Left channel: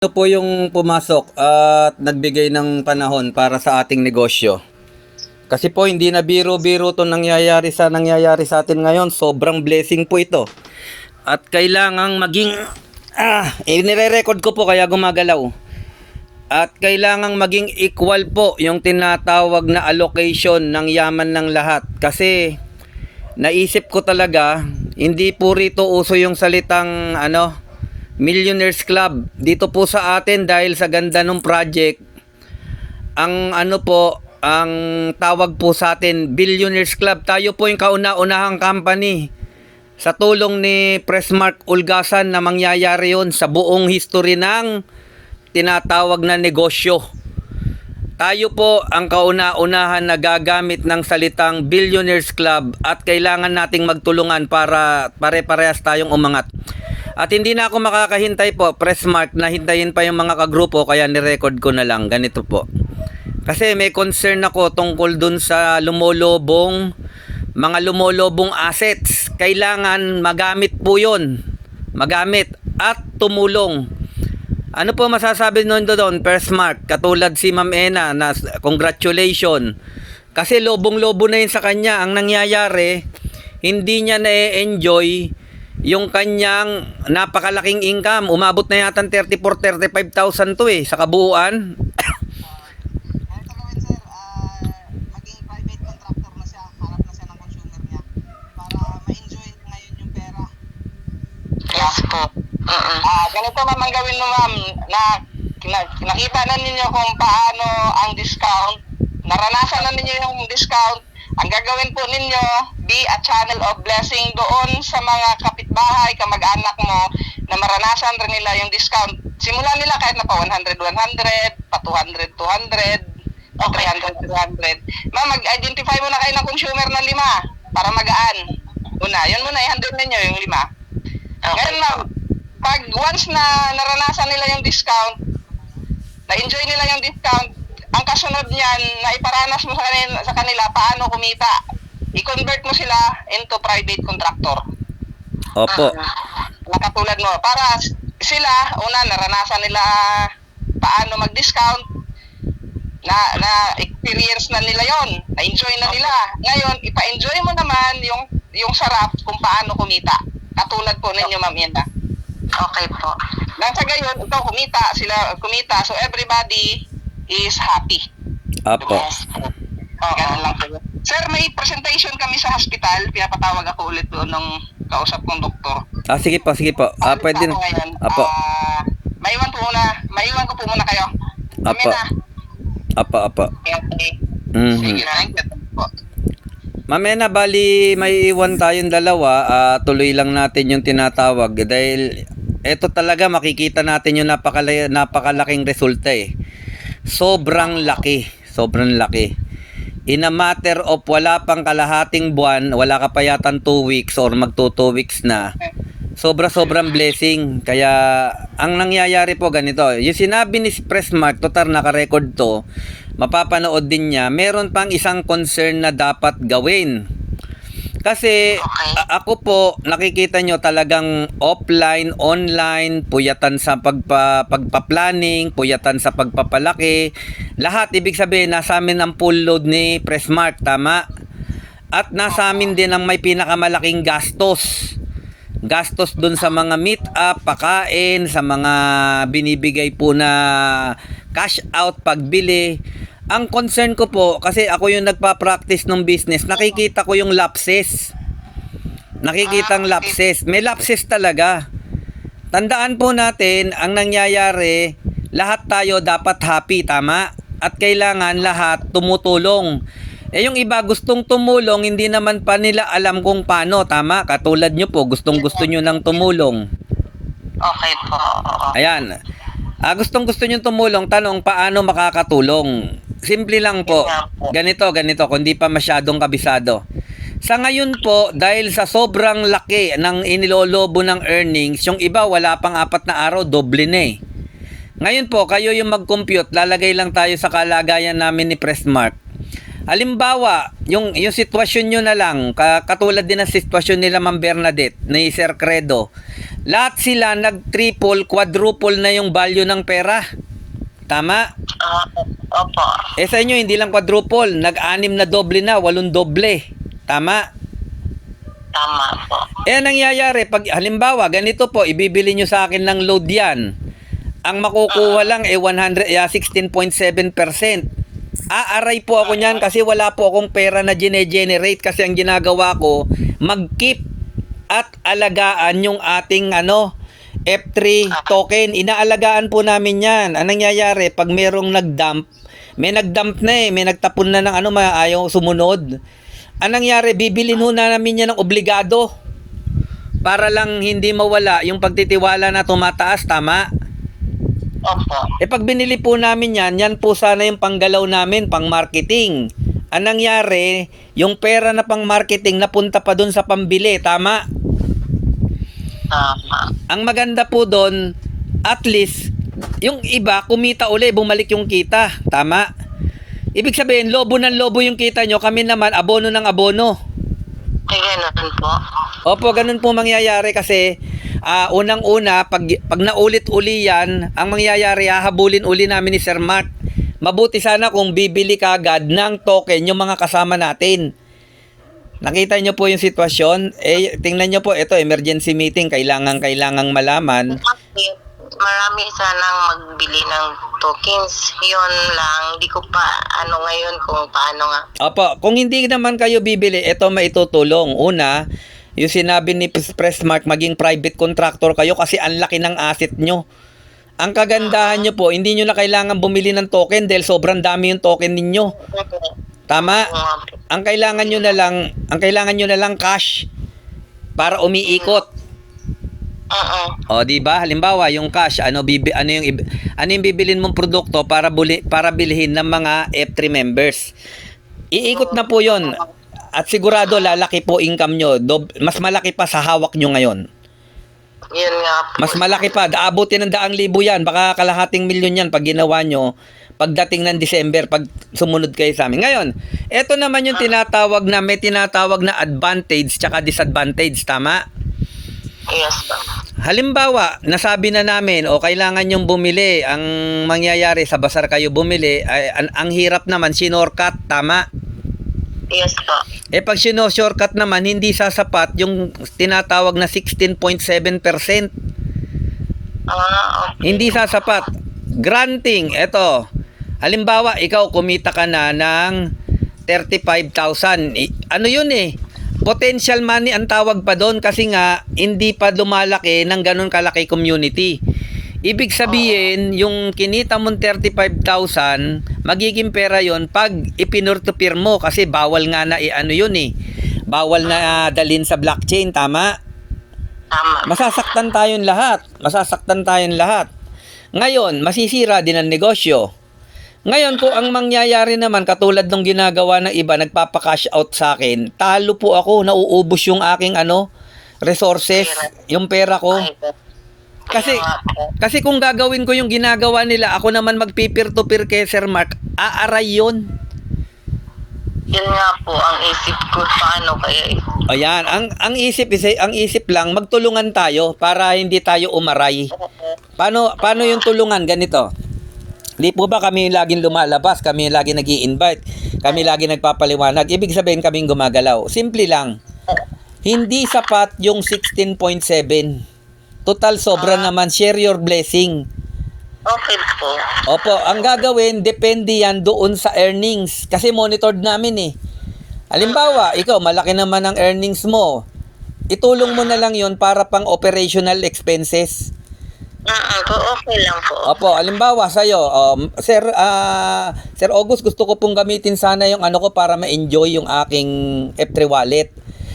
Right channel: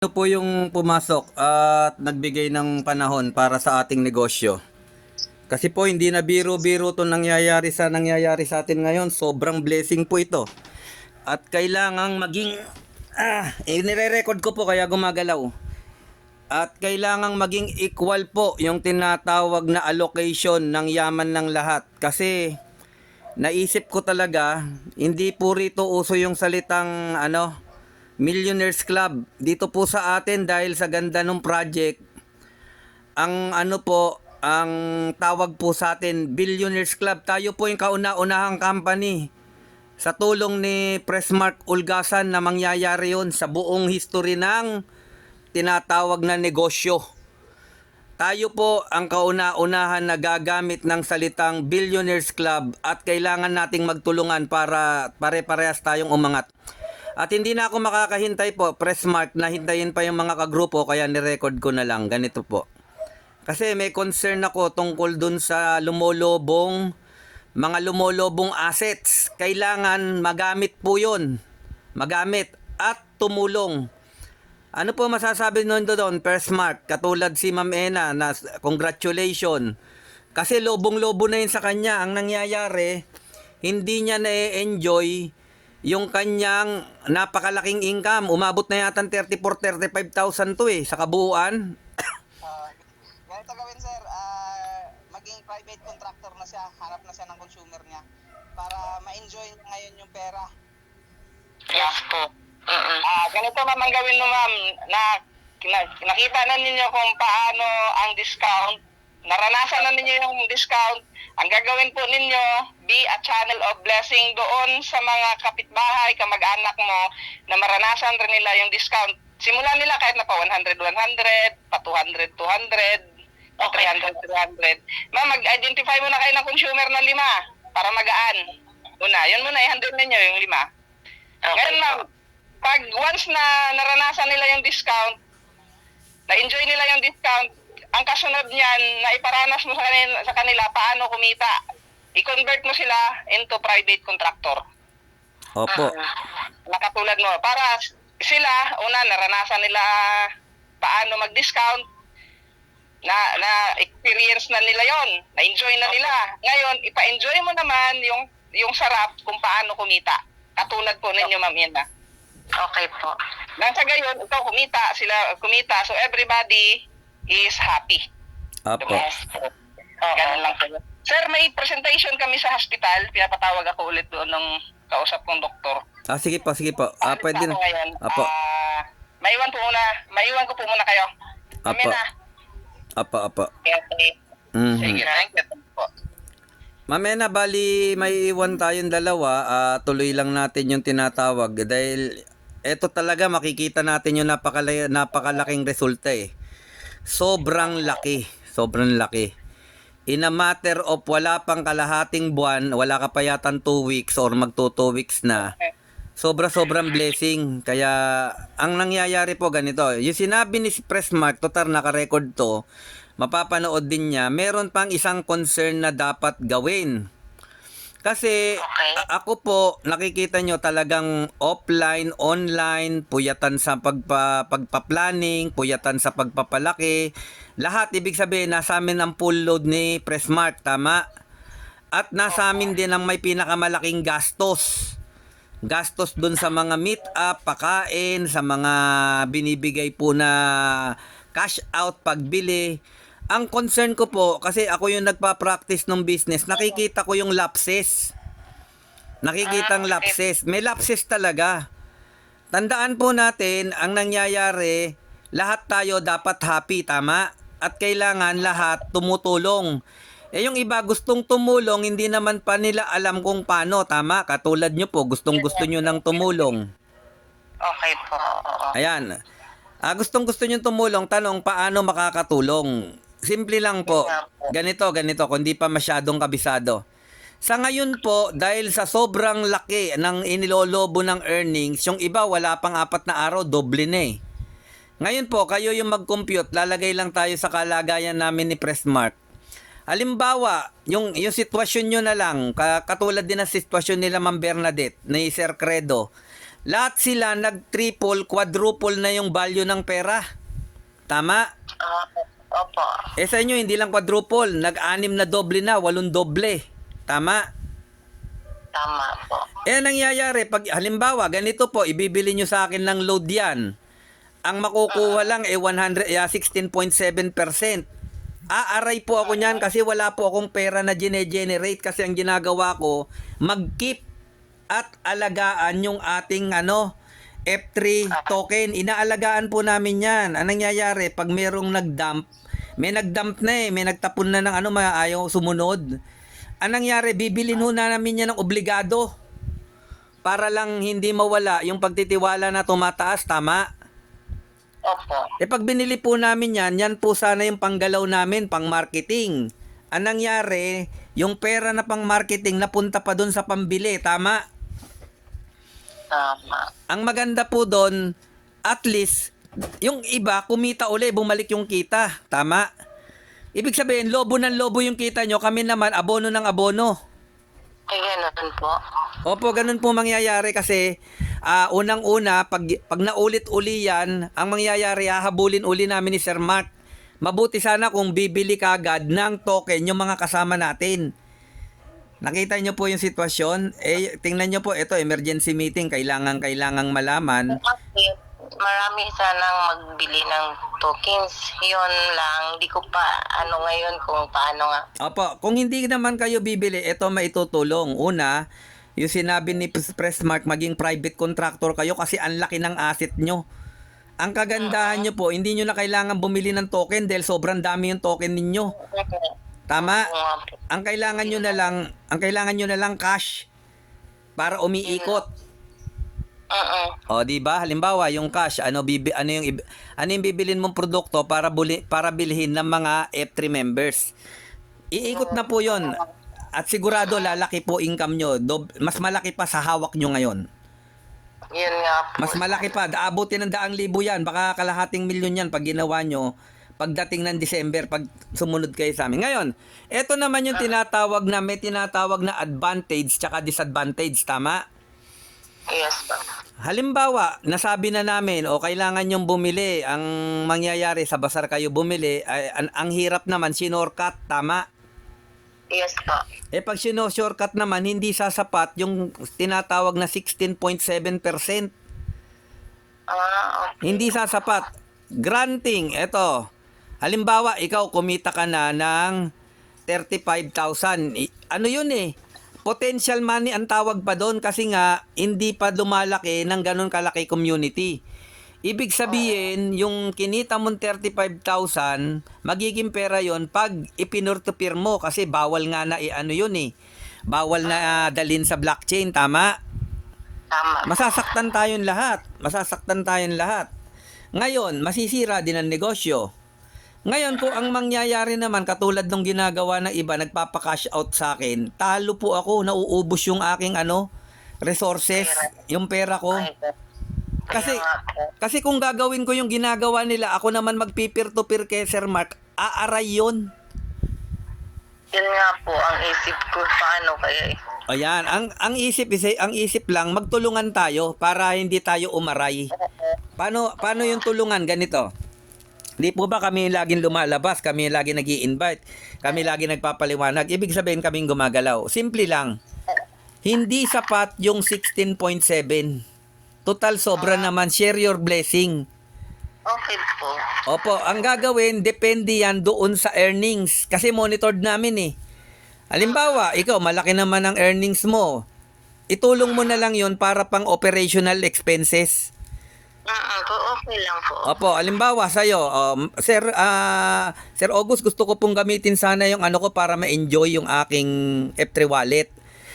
Ano po yung pumasok at nagbigay ng panahon para sa ating negosyo? Kasi po hindi na biro-biro 'tong nangyayari sa atin ngayon. Sobrang blessing po ito. At kailangang maging nire-record ko po kaya gumagalaw. At kailangang maging equal po yung tinatawag na allocation ng yaman ng lahat. Kasi naisip ko talaga, hindi po rito uso yung salitang Millionaires Club. Dito po sa atin dahil sa ganda ng project, ang ang tawag po sa atin, Billionaires Club. Tayo po yung kauna-unahang company sa tulong ni Pressmark Ulgasan na mangyayari yon sa buong history ng tinatawag na negosyo. Tayo po ang kauna-unahan na gagamit ng salitang Billionaires Club at kailangan nating magtulungan para pare-parehas tayong umangat. At hindi na ako makakahintay po, Pressmark, na hintayin pa yung mga kagrupo kaya nirecord ko na lang. Ganito po. Kasi may concern ako tungkol dun sa mga lumolobong assets. Kailangan magamit po yun. Magamit at tumulong. Ano po masasabi nun doon, Pressmark? Katulad si Ma'am Ena na congratulations. Kasi lobong-lobo na yun sa kanya. Ang nangyayari, hindi niya na-enjoy yung kanyang napakalaking income. Umabot na yata 34,000-35,000 to sa kabuuan. Ganito gawin sir, maging private contractor na siya, harap na siya ng consumer niya para ma-enjoy ngayon yung pera. Yes po. Ganito naman gawin mo ma'am, nakita na ninyo kung paano ang discount, naranasan na ninyo yung discount. Ang gagawin po ninyo, be a channel of blessing doon sa mga kapitbahay, kamag-anak mo na maranasan rin nila yung discount. Simulan nila kahit na pa 100, 100, pa 200, 200, o 300, 200. Ma'am, mag-identify muna kayo ng consumer na 5 para magaan. Yun muna, i-handle ninyo yung 5. Ngayon ma'am, pag once na naranasan nila yung discount, na-enjoy nila yung discount, ang kasunod niyan na iparanas mo sa kanila paano kumita, i-convert mo sila into private contractor. Opo. Katulad mo, para sila, una, naranasan nila paano mag-discount, na experience na nila yon, na-enjoy na nila. Ngayon, ipa-enjoy mo naman yung sarap kung paano kumita. Katulad po ninyo, Ma'am Yenda. Okay po. Nang sa gayon, ikaw sila kumita, so everybody is happy. Opo. Ganun lang po. Sir, may presentation kami sa hospital. Pinapatawag ako ulit doon ng kausap kong doktor. Sige po. Pwede na. Ako ngayon. Opo. Maiwan ko po muna kayo. Kami Opo. na. Opo. Okay. Mhm. Sige, thank you po. Ma'am Ena, bali may iwan tayong dalawa. Tuloy lang natin yung tinatawag. Dahil eto talaga makikita natin yung napakalaking resulta Sobrang laki. In a matter of wala pang kalahating buwan, wala ka pa yatang 2 weeks or magto 2 weeks na. Sobrang blessing. Kaya ang nangyayari po ganito. Yung sinabi ni Pressmark, total naka-record to, mapapanood din niya. Meron pang isang concern na dapat gawin. Kasi ako po, nakikita nyo talagang offline, online, puyatan sa pagpa-planning, puyatan sa pagpapalaki. Lahat, ibig sabihin, nasa amin ang full load ni Pressmark, tama? At nasa amin din ang may pinakamalaking gastos. Gastos dun sa mga meet-up, pakain, sa mga binibigay po na cash out, pagbili. Ang concern ko po, kasi ako yung nagpa-practice ng business, nakikita ko yung lapses. Nakikitang lapses. May lapses talaga. Tandaan po natin, ang nangyayari, lahat tayo dapat happy, tama? At kailangan lahat tumutulong. Yung iba gustong tumulong, hindi naman pa nila alam kung paano, tama? Katulad nyo po, gustong-gusto nyo nang tumulong. Okay po. Ayan. Gustong-gusto nyo tumulong, tanong, paano makakatulong? Simple lang po. Ganito, kung di pa masyadong kabisado. Sa ngayon po, dahil sa sobrang laki ng inilolobo ng earnings, yung iba wala pang 4 na araw, doble na Ngayon po, kayo yung mag-compute, lalagay lang tayo sa kalagayan namin ni Pressmark. Halimbawa, yung sitwasyon nyo na lang, katulad din ng sitwasyon nila Ma'am Bernadette, ni Sir Credo, Lahat sila nag-triple, quadruple na yung value ng pera. Tama? Opo. Sa inyo, hindi lang quadruple. Nag-anim na doble na, 8 doble. Tama? Tama po. Nangyayari, pag halimbawa, ganito po, ibibili nyo sa akin ng load yan. Ang makukuha lang 16.7%. Aaray po ako niyan kasi wala po akong pera na gine-generate kasi ang ginagawa ko, mag-keep at alagaan yung ating F3 token. Inaalagaan po namin yan. Ang nangyayari, pag merong nag-dump, may nag-dump na may nagtapon na ng ayaw sumunod. Ang nangyari, bibilin ho na namin yan ng obligado para lang hindi mawala yung pagtitiwala na tumataas, tama? Opo. Pag binili po namin yan po sana yung panggalaw namin, pang marketing. Ang nangyari, yung pera na pang marketing napunta pa dun sa pambili, tama? Tama. Ang maganda po dun, at least, yung iba, kumita uli, bumalik yung kita, tama? Ibig sabihin, lobo ng lobo yung kita nyo, kami naman, abono ng abono. Ganun po. Opo, ganun po mangyayari kasi unang-una, pag naulit-uli yan, ang mangyayari, hahabulin uli namin ni Sir Mark. Mabuti sana kung bibili ka agad ng token yung mga kasama natin. Nakita nyo po yung sitwasyon? Tingnan nyo po, ito, emergency meeting, kailangang malaman. Kasi marami sanang magbili ng tokens. Yun lang. Di ko pa ngayon kung paano nga. Opo, kung hindi naman kayo bibili, ito maitutulong. Una, yung sinabi ni Pressmark, maging private contractor kayo kasi ang laki ng asset nyo. Ang kagandahan nyo po, hindi nyo na kailangan bumili ng token dahil sobrang dami yung token ninyo. Tama? Ang kailangan nyo na lang cash para umiikot. O, di ba? Halimbawa, yung cash, ano yung bibilin mong produkto para bilhin ng mga F3 members. Iikot na po 'yon. At sigurado lalaki po income nyo. Mas malaki pa sa hawak nyo ngayon. Yun nga po. Mas malaki pa. Aabutin ng 100,000 yan. Baka kalahating milyon yan pag ginawa nyo pagdating ng December, pag sumunod kayo sa amin. Ngayon, eto naman yung may tinatawag na advantage tsaka disadvantage. Tama? Yes po. Halimbawa, nasabi na namin kailangan yung bumili. Ang mangyayari sa basar kayo bumili, ang hirap naman, shortcut, tama? Yes po. Pag shortcut naman, hindi sasapat yung tinatawag na 16.7%. Okay. Hindi sasapat. Granting, eto. Halimbawa, ikaw kumita ka na ng 35,000. Ano yun potential money ang tawag pa doon kasi nga hindi pa lumalaki ng ganun kalaki community. Ibig sabihin, yung kinita mong 35,000, magiging pera yon pag ipinurtupir mo kasi bawal nga na bawal na dalhin sa blockchain, tama? Tama. Masasaktan tayong lahat. Ngayon, masisira din ang negosyo. Ngayon, kung ang mangyayari naman, katulad ng ginagawa ng iba, nagpapa-cash out sa akin, talo po ako, nauubos yung aking resources, yung pera ko. Kasi kung gagawin ko yung ginagawa nila, ako naman magpipir-to-pir kay Sir Mark, aaray yun. Yun nga po ang isip ko, paano kaya Ayan, ang isip lang, magtulungan tayo para hindi tayo umaray. Paano yung tulungan? Ganito. Di po ba kami laging lumalabas, kami laging nag-i-invite, kami laging nagpapaliwanag, ibig sabihin kaming gumagalaw. Simple lang. Hindi sapat yung 16.7. Total sobra naman, share your blessing. Okay po. Opo, ang gagawin, depende yan doon sa earnings. Kasi monitored namin Halimbawa, ikaw, malaki naman ang earnings mo. Itulong mo na lang yon para pang operational expenses. Okay lang po. Opo, halimbawa sa'yo, Sir August, gusto ko pong gamitin sana yung ko para ma-enjoy yung aking F3 wallet.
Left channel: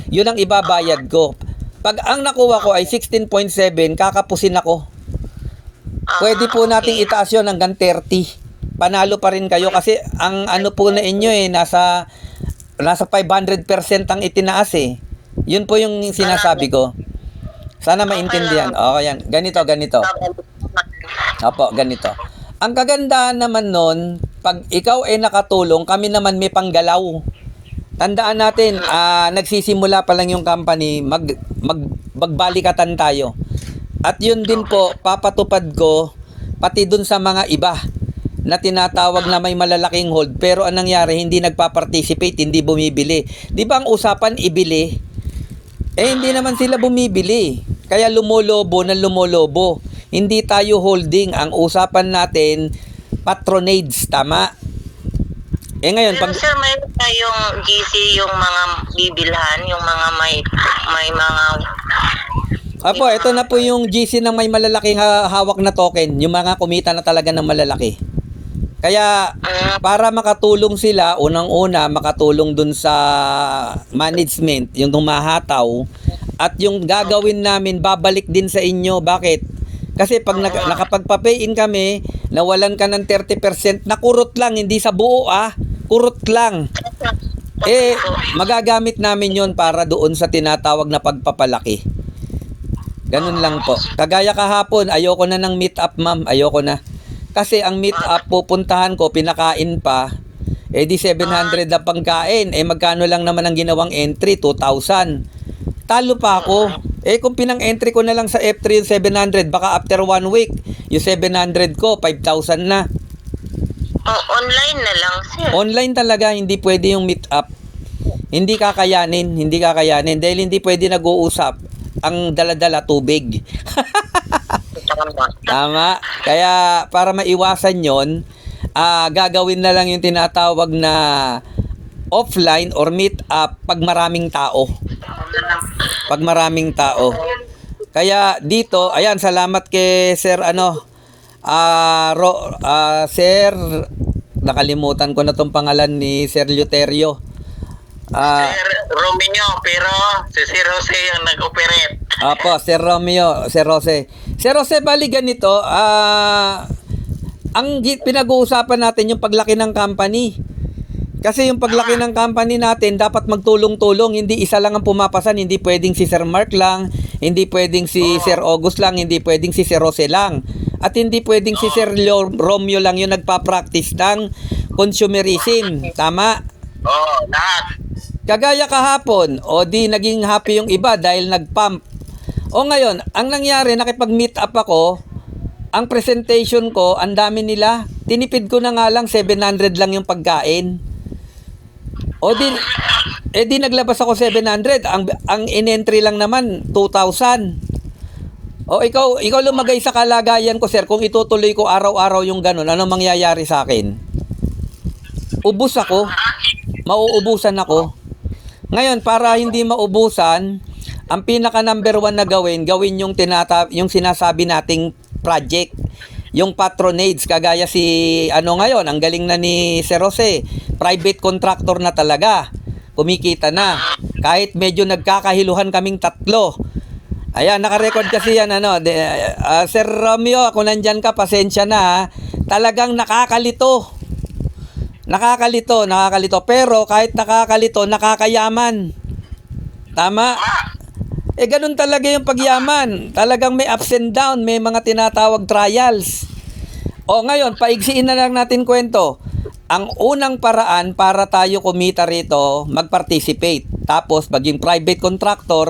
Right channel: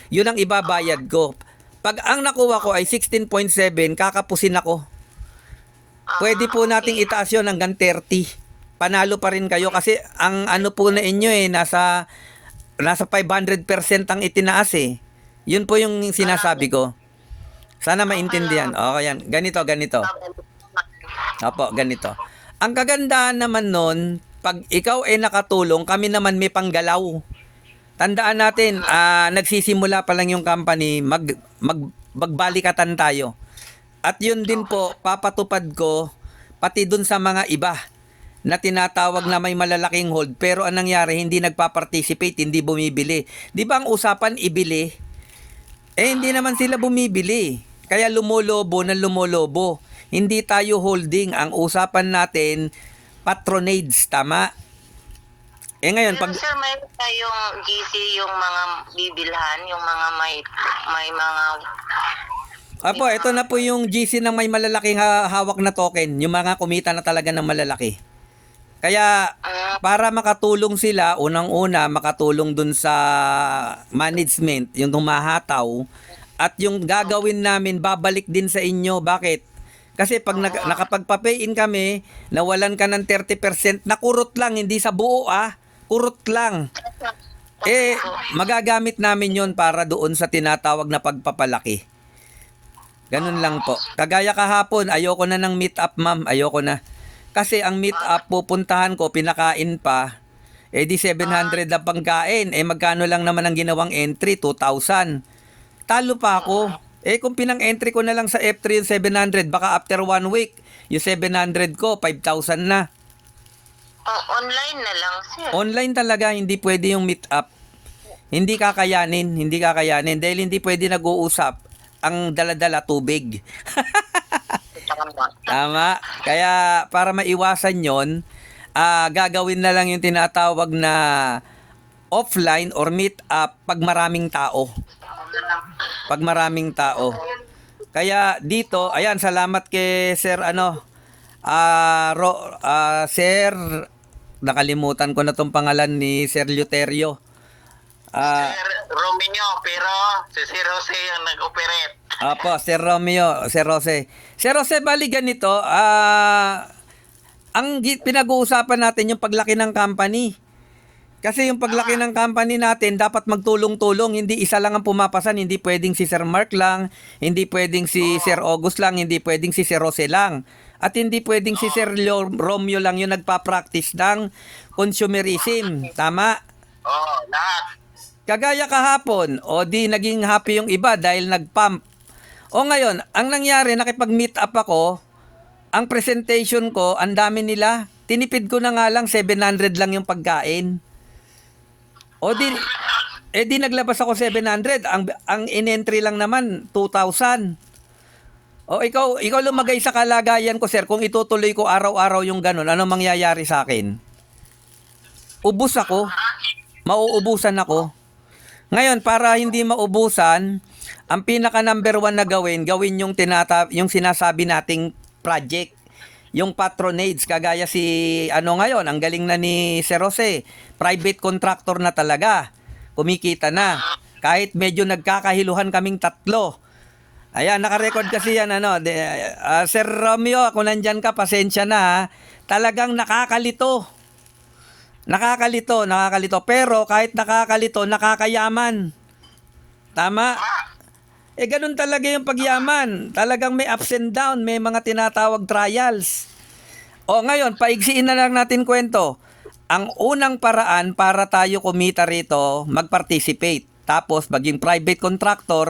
Yun ang ibabayad ko. Pag ang nakuha ko ay 16.7, kakapusin ako. Pwede po nating itaas yun hanggang 30. Panalo pa rin kayo kasi ang po na inyo nasa 500% ang itinaas Yun po yung sinasabi ko. Sana maintindihan. Okay yan. Ganito. Opo, ganito. Ang kagandahan naman nun, pag ikaw nakatulong, kami naman may panggalaw. Tandaan natin, nagsisimula pa lang yung company, magbalikatan tayo. At yun din po, papatupad ko pati dun sa mga iba na tinatawag na may malalaking hold pero ang nangyari hindi nagpa-participate, hindi bumibili. Di ba ang usapan ibili? Hindi naman sila bumibili. Kaya lumolobo ng lumolobo. Hindi tayo holding. Ang usapan natin, patronage. Tama? Ngayon, Pero sir, may yung GC, yung mga bibilhan, yung mga may mga... Apo, ito na po yung GC ng may malalaking hawak na token. Yung mga kumita na talaga ng malalaki. Kaya, para makatulong sila, unang-una, makatulong dun sa management, yung humahataw, at yung gagawin namin, babalik din sa inyo. Bakit? Kasi pag nakapagpa-pay-in kami, nawalan ka ng 30%, nakurot lang, hindi sa buo kurot lang. Magagamit namin yon para doon sa tinatawag na pagpapalaki. Ganun lang po. Kagaya kahapon, ayoko na ng meet up, ma'am. Ayoko na. Kasi ang meet up, pupuntahan ko, pinakain pa. Di 700 na pangkain. Magkano lang naman ang ginawang entry? 2,000. Talo pa ako. Kung pinang-entry ko na lang sa F3 yung 700, baka after 1 week, yung 700 ko, 5,000 na. Online na lang, sir. Online talaga, hindi pwede yung meet up. Hindi kakayanin. Dahil hindi pwede nag-uusap. Ang dala-dala, tubig. Tama. Kaya para maiwasan yon, gagawin na lang yung tinatawag na offline or meet up pag maraming tao. Kaya dito, ayan, salamat kay Sir Sir, nakalimutan ko na tong pangalan ni Sir Luterio. Sir Romeo, pero si Sir Jose yung nag-operate. Opo, Sir Romeo, Sir Jose. Sir Jose, bali ganito, ang pinag-uusapan natin yung paglaki ng company. Kasi yung paglaki ng company natin, dapat magtulong-tulong. Hindi isa lang ang pumapasan. Hindi pwedeng si Sir Mark lang. Hindi pwedeng si Sir August lang. Hindi pwedeng si Sir Jose lang. At hindi pwedeng si Sir Romeo lang yung nagpa-practice ng consumerism. Tama? Lahat. Kagaya kahapon, di naging happy yung iba dahil nag-pump. Ngayon, ang nangyari, nakipag-meet up ako, ang presentation ko, ang dami nila. Tinipid ko na nga lang, 700 lang yung pagkain. Di naglabas ako 700. Ang in-entry lang naman, 2,000. Ikaw lumagay sa kalagayan ko, sir. Kung itutuloy ko araw-araw yung ganun, ano mangyayari sa akin? Ubus ako. Mauubusan ako. Ngayon, para hindi maubusan, ang pinaka number 1 na gawin yung sinasabi nating project. Yung patronage, kagaya ngayon, ang galing na ni Sir Jose, private contractor na talaga, kumikita na, kahit medyo nagkakahiluhan kaming tatlo. Ayan, nakarecord kasi yan, Sir Romeo, kung nandyan ka, pasensya na, talagang nakakalito, pero kahit nakakalito, nakakayaman. Tama? Ganun talaga yung pagyaman. Talagang may ups and down, may mga tinatawag trials. Ngayon, paigsiin na lang natin kwento. Ang unang paraan para tayo kumita rito, mag-participate. Tapos, maging private contractor,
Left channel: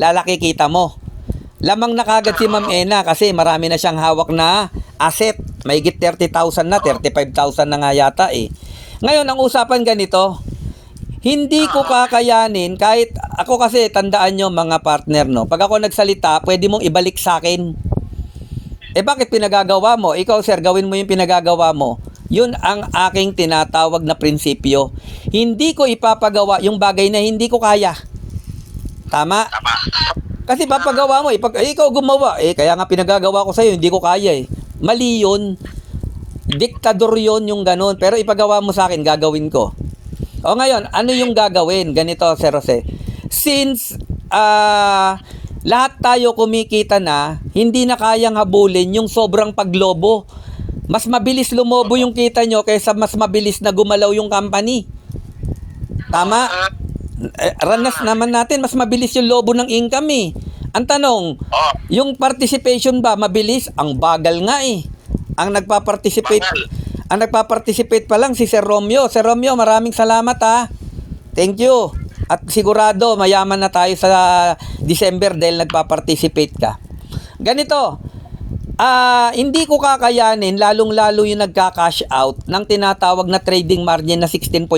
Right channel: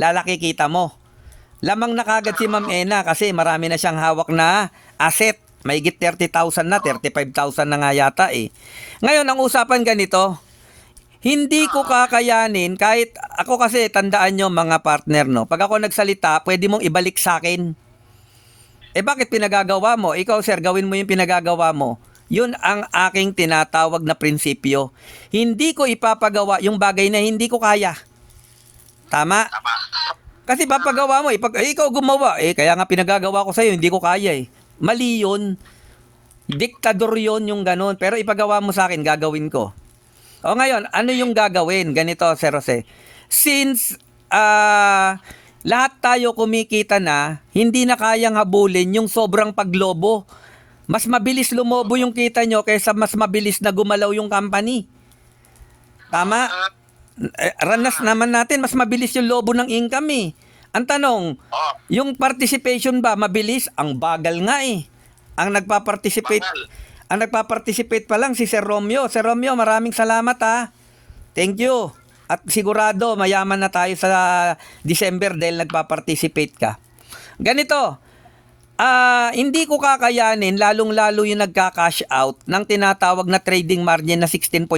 lalaki kita mo. Lamang na kagad si Ma'am Ena kasi marami na siyang hawak na asset. May 30,000 na, 35,000 na nga yata Ngayon, ang usapan ganito, hindi ko kakayanin kahit ako kasi tandaan nyo mga partner pag ako nagsalita pwede mong ibalik sa akin. Bakit pinagagawa mo? Ikaw sir, gawin mo yung pinagagawa mo. Yun ang aking tinatawag na prinsipyo. Hindi ko ipapagawa yung bagay na hindi ko kaya. Tama? Kasi papagawa mo ikaw gumawa kaya nga pinagagawa ko sa'yo, hindi ko kaya Mali yun. Diktador yun yung ganun. Pero ipagawa mo sa akin, gagawin ko. Ngayon, ano yung gagawin? Ganito, Sir Jose. Since lahat tayo kumikita na, hindi na kayang habulin yung sobrang paglobo. Mas mabilis lumobo yung kita nyo kaysa mas mabilis na gumalaw yung company. Tama? Ranas naman natin, mas mabilis yung lobo ng income Ang tanong, yung participation ba mabilis? Ang bagal nga Ang nagpa-participate pa lang si Sir Romeo. Sir Romeo, maraming salamat Thank you. At sigurado mayaman na tayo sa December dahil nagpa-participate ka. Ganito, hindi ko kakayanin, lalong-lalo yung nagka-cash out ng tinatawag na trading margin na 16.7.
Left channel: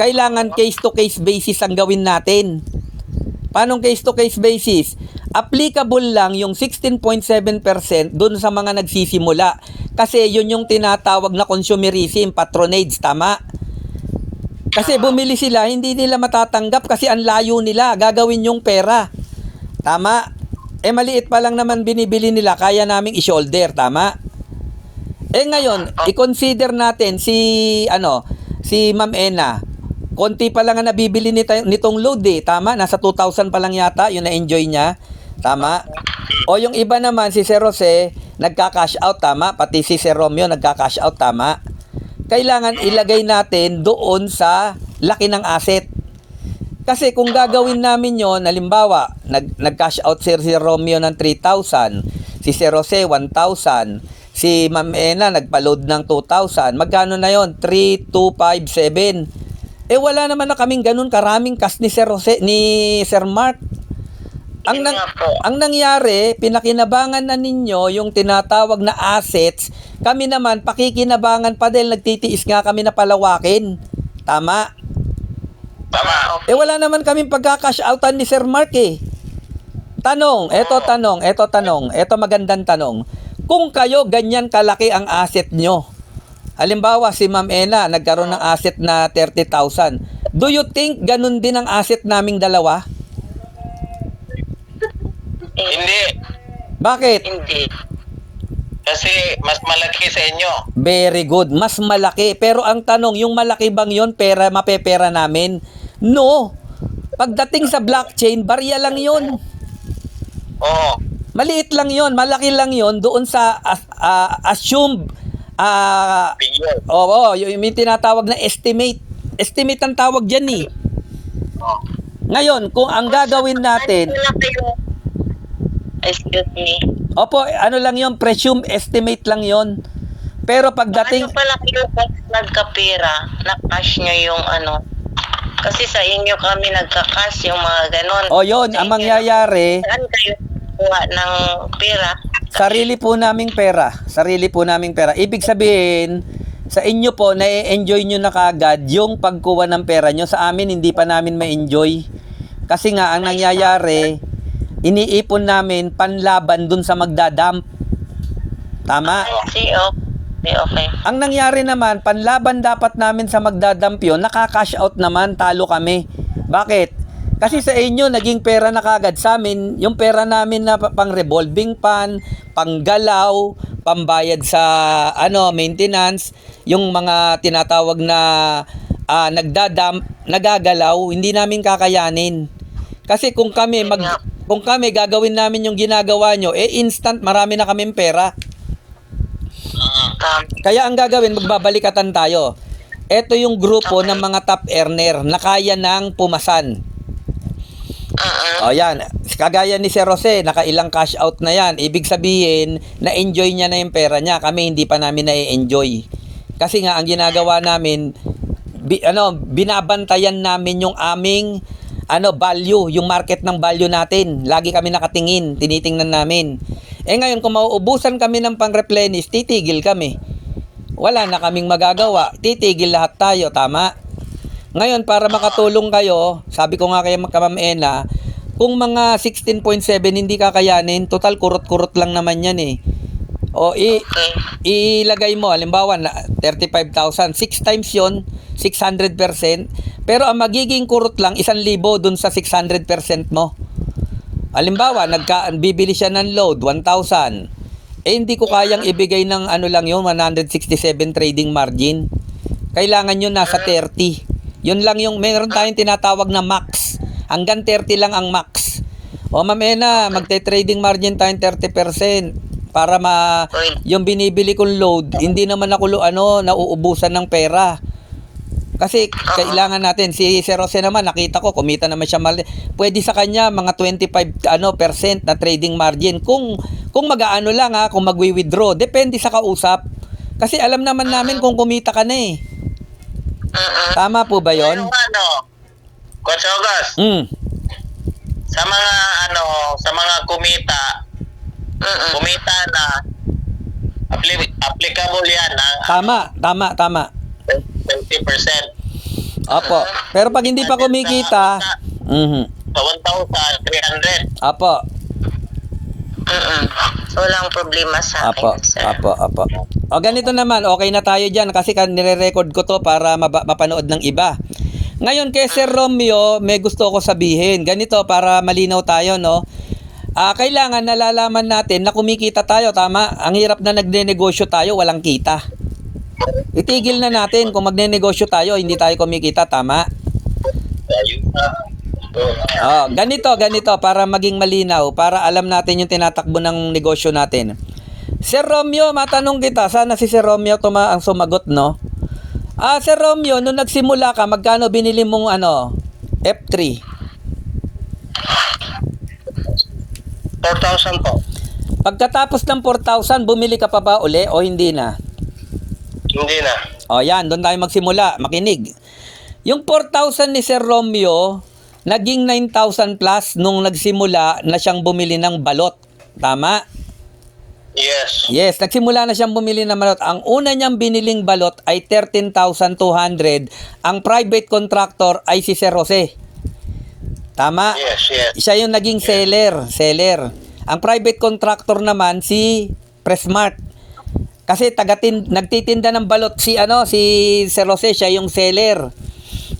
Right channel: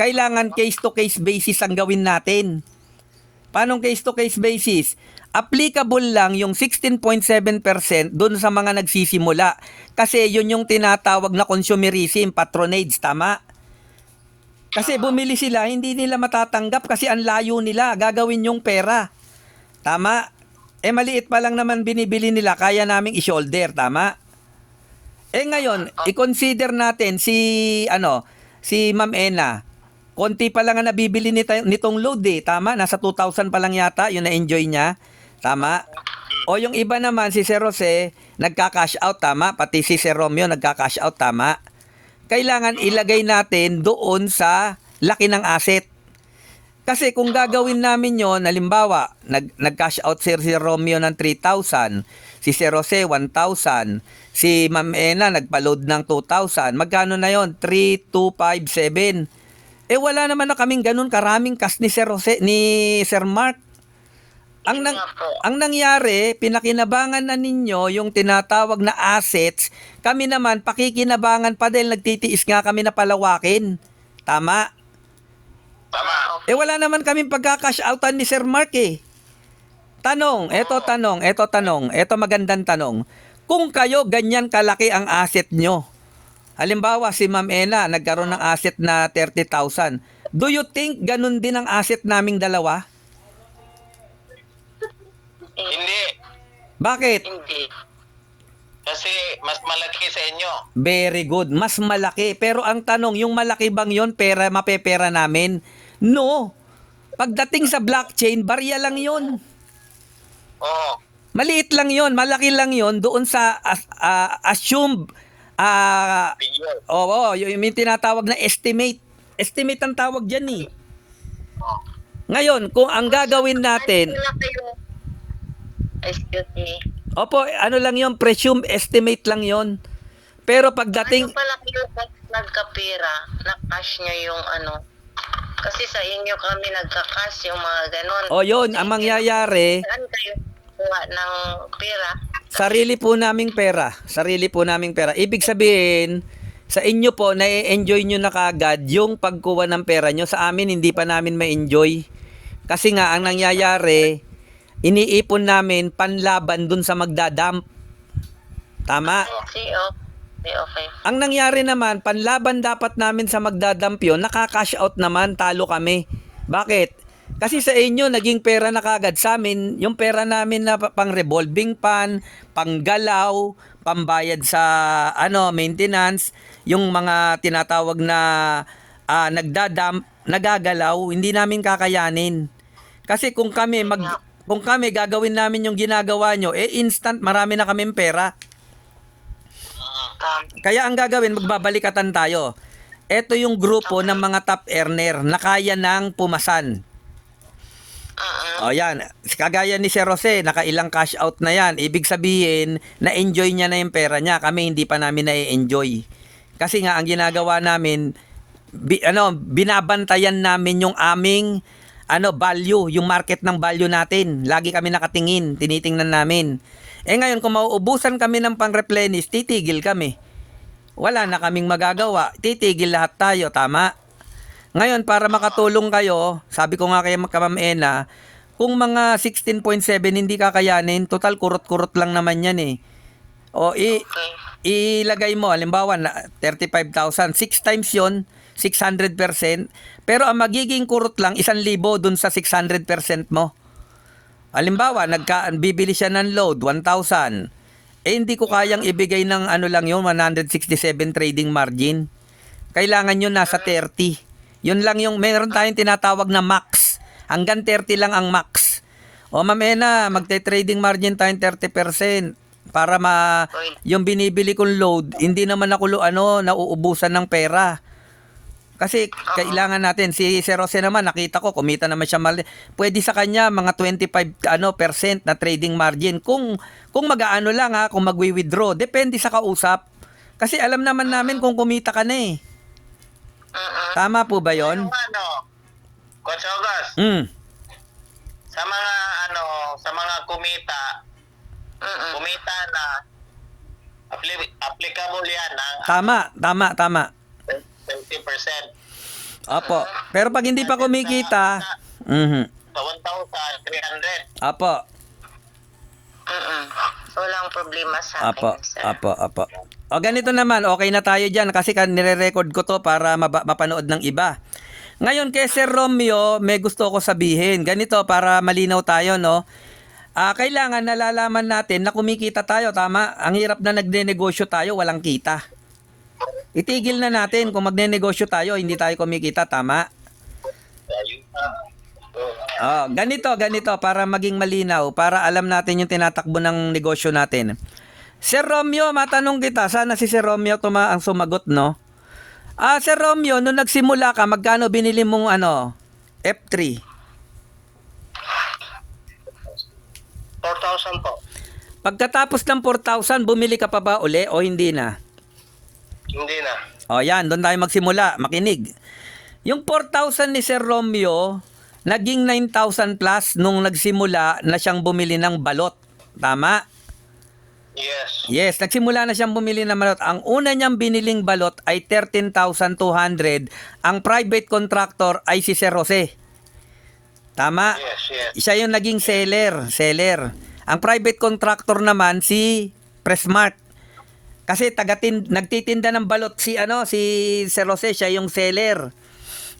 Kailangan case-to-case basis ang gawin natin. Paano case-to-case basis? Applicable lang yung 16.7% dun sa mga nagsisimula. Kasi yun yung tinatawag na consumerism, patronage, tama? Kasi bumili sila, hindi nila matatanggap kasi ang layo nila, gagawin yung pera. Tama? Maliit pa lang naman binibili nila, kaya naming i-shoulder, tama? Ngayon, i-consider natin si Ma'am Ena. Konti pa lang ang nabibili nitong load tama? Nasa 2,000 pa lang yata, yun na-enjoy niya. Tama? O yung iba naman, si Sir Jose, nagka-cash out, tama? Pati si Sir Romeo, nagka-cash out, tama? Kailangan ilagay natin doon sa laki ng asset. Kasi kung gagawin namin yon, halimbawa, nag-cash out si Romeo ng 3,000, si Sir Jose 1,000, si Ma'am Ena nagpa-load ng 2,000, magkano na yon? 3,257. Wala naman na kaming ganun karaming cash ni Sir Jose, ni Sir Mark. Ang nangyari, pinakinabangan na ninyo yung tinatawag na assets. Kami naman, pakikinabangan pa dahil nagtitiis nga kami na palawakin. Tama? Tama. Wala naman kaming pagka-cash outan ni Sir Mark Tanong, eto magandang tanong. Kung kayo ganyan kalaki ang asset nyo, halimbawa si Ma'am Ena nagkaroon ng asset na 30,000, do you think ganun din ang asset naming dalawa? Hindi. Bakit? Hindi. Kasi mas malaki sa inyo. Very good. Mas malaki. Pero ang tanong, yung malaki bang yon pera, mapepera namin? No. Pagdating sa blockchain, barya lang yon. Oo. Maliit lang yon, malaki lang yon doon sa assumed Bigyan. yung tinatawag na estimate. Estimate ang tawag dyan Ngayon, kung ang gagawin natin, Excuse me. opo, ano lang yon, presume estimate lang yon. Pero pagdating, Ano pala kayo pag nagkapera, na-cash nyo yung kasi sa inyo kami nagka-cash yung mga ganon. yon, ang mangyayari, Saan kayo kuha ng pera? sarili po naming pera. Ibig sabihin, sa inyo po, na-enjoy nyo na kagad yung pagkuha ng pera nyo. Sa amin, hindi pa namin ma-enjoy. Kasi nga, ang nangyayari, iniipon namin panlaban dun sa magdadump. Tama? Okay. Ang nangyari naman, panlaban dapat namin sa magdadump yun, nakaka-cash out naman, talo kami. Bakit? Kasi sa inyo, naging pera na kagad. Sa amin, yung pera namin na pang revolving fund, panggalaw, pambayad sa maintenance, yung mga tinatawag na nagdadump, nagagalaw, hindi namin kakayanin. Kasi kung kami gagawin namin yung ginagawa nyo, instant marami na kaming pera. Kaya ang gagawin, magbabalikatan tayo. Ito yung grupo ng mga top earner na kaya nang pumasan. Yan. Kagaya ni Sir Jose, nakailang cash out na yan. Ibig sabihin, na-enjoy niya na yung pera niya. Kami hindi pa namin na-enjoy. Kasi nga, ang ginagawa namin, binabantayan namin yung aming value, yung market ng value natin. Lagi kami nakatingin, tinitingnan namin. Ngayon, kung mauubusan kami ng pang-replenish, titigil kami. Wala na kaming magagawa. Titigil lahat tayo, tama? Ngayon, para makatulong kayo, sabi ko nga kay Ma'am Ena, kung mga 16.7 hindi kakayanin, total kurot-kurot lang naman yan ilagay mo, halimbawa, 35,000, 6 times yon 600%. Pero ang magiging kurot lang, 1,000 dun sa 600% mo. Halimbawa, bibili siya ng load, 1,000. Hindi ko kayang ibigay ng lang yun, 167 trading margin. Kailangan yun nasa 30. Yun lang yung, meron tayong tinatawag na max. Hanggang 30 lang ang max. Ma'am Ena, magte-trading margin tayong 30%. Para yung binibili kong load, hindi naman ako nauubusan ng pera. Kasi kailangan natin, si Sir Jose naman, nakita ko, kumita naman siya pwede sa kanya mga 25% na trading margin. Kung mag-aano lang kung magwi-withdraw, depende sa kausap. Kasi alam naman namin kung kumita ka na Mm-mm. Tama po ba yon? Coach August, sa mga sa mga kumita na applicable yan ang Tama. 20%. Opo. Pero pag hindi pa kumikita, Sa 1,300. Opo. Walang problema sa Apo, akin, sir. apo. O ganito naman, okay na tayo dyan kasi nire-record ko to para mapanood ng iba. Ngayon kay Sir Romeo, may gusto ko sabihin. Ganito para malinaw tayo, no? Kailangan nalalaman natin na kumikita tayo, tama? Ang hirap na nagne-negosyo tayo, walang kita. Itigil na natin kung magne-negosyo tayo, hindi tayo kumikita, tama? Ganito para maging malinaw, para alam natin yung tinatakbo ng negosyo natin. Sir Romeo, matanong kita, sana si Sir Romeo ang sumagot, no? Sir Romeo, nung nagsimula ka, magkano binili mong F3? 4,000 po. Pagkatapos ng 4,000, bumili ka pa ba uli o hindi na? Hindi na. Yan, doon tayo magsimula, makinig. Yung 4,000 ni Sir Romeo, naging 9,000 plus nung nagsimula na siyang bumili ng balot. Tama? Yes. Yes, nagsimula na siyang bumili ng balot. Ang una niyang biniling balot ay 13,200. Ang private contractor ay si Sir Jose. Tama? Yes. Siya yung naging seller. Ang private contractor naman si Presmart. Kasi nagtitinda ng balot si Sir Jose, siya yung seller.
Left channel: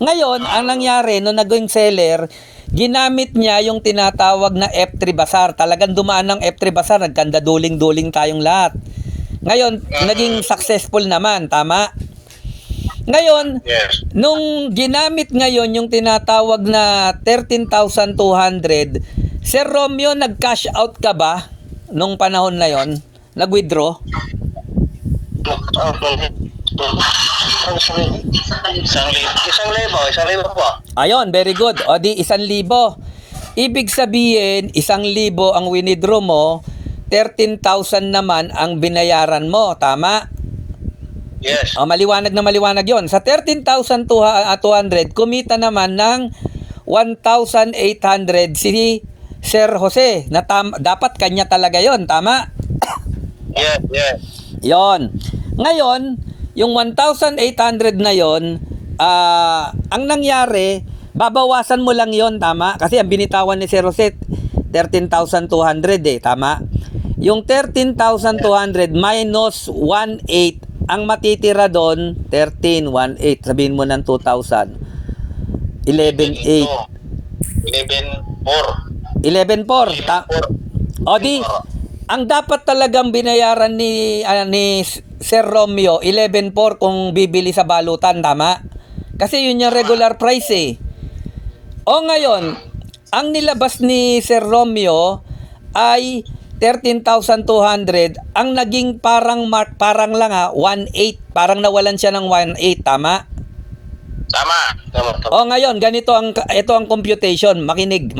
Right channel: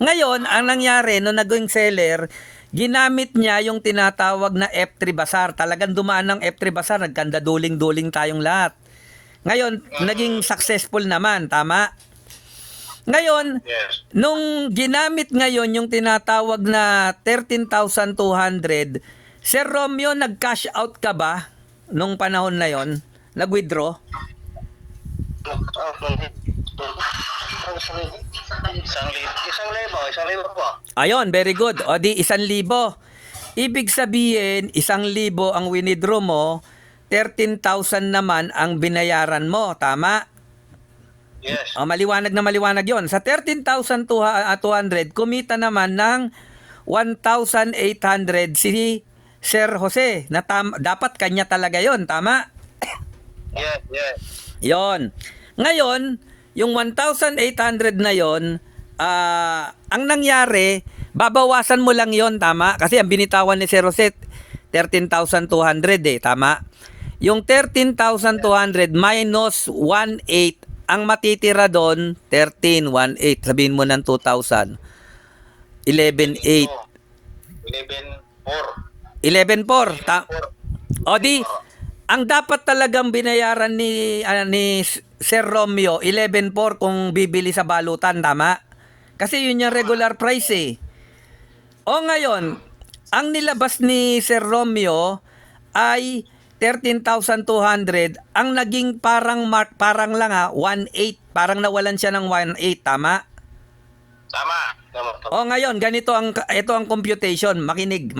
Ngayon, ang nangyari nung naging seller, ginamit niya yung tinatawag na F3 Bazaar. Talagang dumaan ng F3 Bazaar, nagkanda duling-duling tayong lahat. Ngayon, naging successful naman, tama? Ngayon, Yes. nung ginamit ngayon yung tinatawag na 13,200, Sir Romeo, nag-cash out ka ba nung panahon na yon? Nag-withdraw? Isang libo po. Ayon, very good. O di 1,000. Ibig sabihin, 1,000 ang winidraw mo, 13,000 naman ang binayaran mo. Tama? Yes. O maliwanag na maliwanag yon. Sa 13,200, kumita naman ng 1,800 si Sir Jose. Na dapat kanya talaga yon. Tama? Yes. Yon. Ngayon, yung 1,800 na yon, ang nangyari, babawasan mo lang yon, tama? Kasi ang binitawan ni Sir Jose, 13,200 tama? Yung 13,200 minus 1,800, ang matitira doon, 13,1,800. Sabihin mo ng 2,000. 11,800. 11,400. 11,400. O di, ang dapat talagang binayaran ni Sir Romeo, 11,400 kung bibili sa balutan, tama? Kasi yun yung regular price eh. O ngayon, ang nilabas ni Sir Romeo ay 13,200. Ang naging parang lang 1,800. Parang nawalan siya ng 1,800, tama? Tama. O ngayon, ito ang computation. Makinig.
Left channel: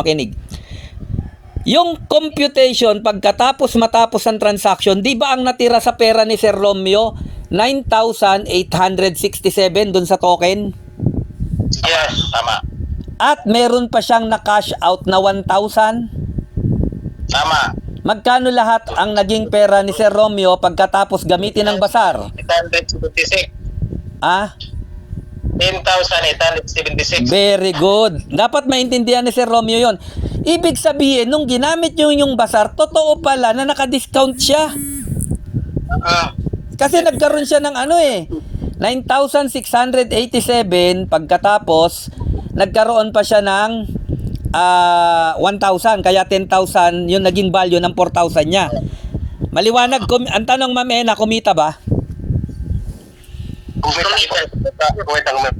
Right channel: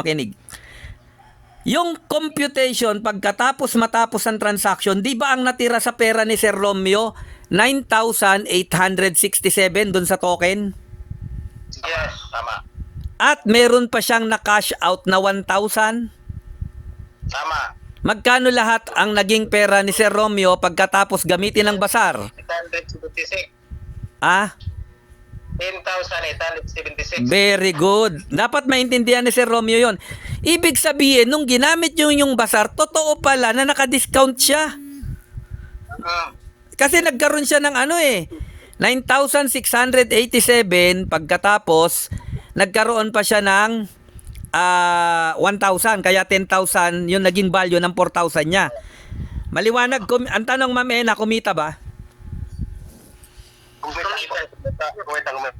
Yung computation, matapos ang transaction, di ba ang natira sa pera ni Sir Romeo, 9,867 dun sa token? Yes, tama. At meron pa siyang na-cash out na 1,000? Tama. Magkano lahat ang naging pera ni Sir Romeo pagkatapos gamitin ng bazaar? 876. 10,876. Very good. Dapat maintindihan ni Sir Romeo yon. Ibig sabihin, nung ginamit nyo yung bazaar, totoo pala na naka-discount siya. Kasi nagkaroon siya ng 9,687 pagkatapos nagkaroon pa siya ng 1,000, kaya 10,000 yung naging value ng 4,000 niya. Maliwanag, ang tanong mamena, kumita ba?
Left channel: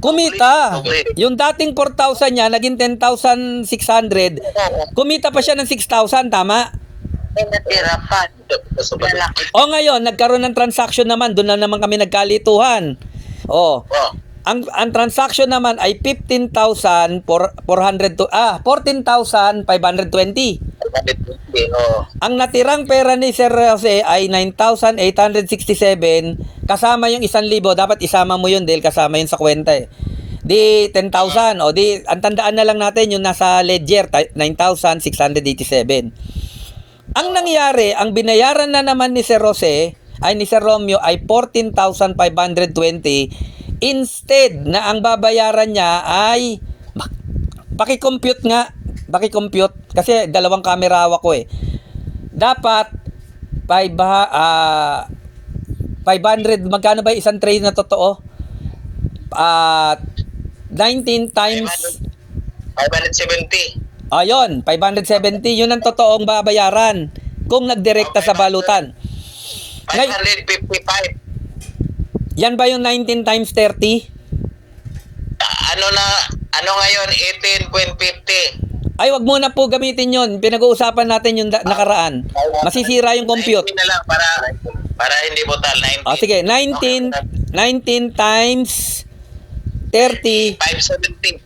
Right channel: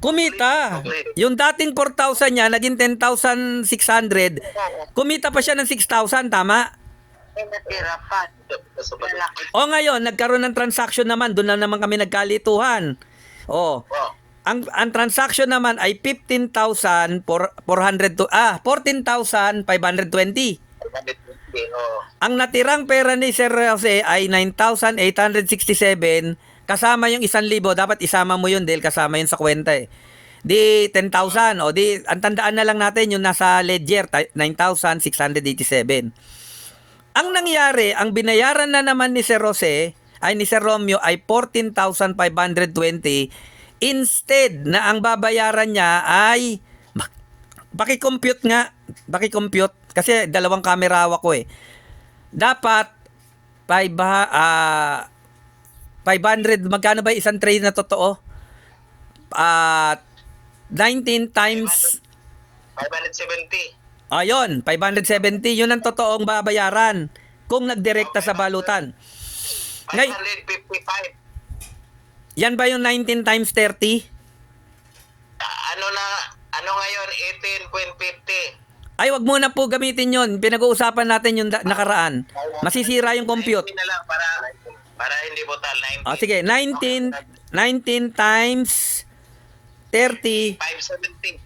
Kumita. Yung dating 4,000 niya, naging 10,600. Kumita pa siya ng 6,000, tama? Natira pa. O ngayon, nagkaroon ng transaction naman, doon na naman kami nagkalituhan. Ang transaction naman ay 14,520. Ang natirang pera ni Sir Jose ay 9,867 kasama yung 1,000. Dapat isama mo yun dahil kasama yun sa kwenta eh. Di 10,000. O di, ang tandaan na lang natin yung nasa ledger, 9,687. Ang nangyari, ang binayaran na naman ni Sir Jose, ay ni Sir Romeo, ay 14,520. Instead na ang babayaran niya ay, paki-compute nga, paki-compute, kasi dalawang camera hawak ko eh. Dapat, 500, magkano ba isang trade na totoo? 19 times 570. ayun, 570, yun ang totoong babayaran kung nagdirekta sa balutan. 555. Yan ba yung 19 times 30? Ano ngayon? 18.50. Ay, wag muna po gamitin yun. Pinag-uusapan natin yung nakaraan. Masisira yung compute. 19 na lang para hindi total. 19. O sige, 19 times 30. 570.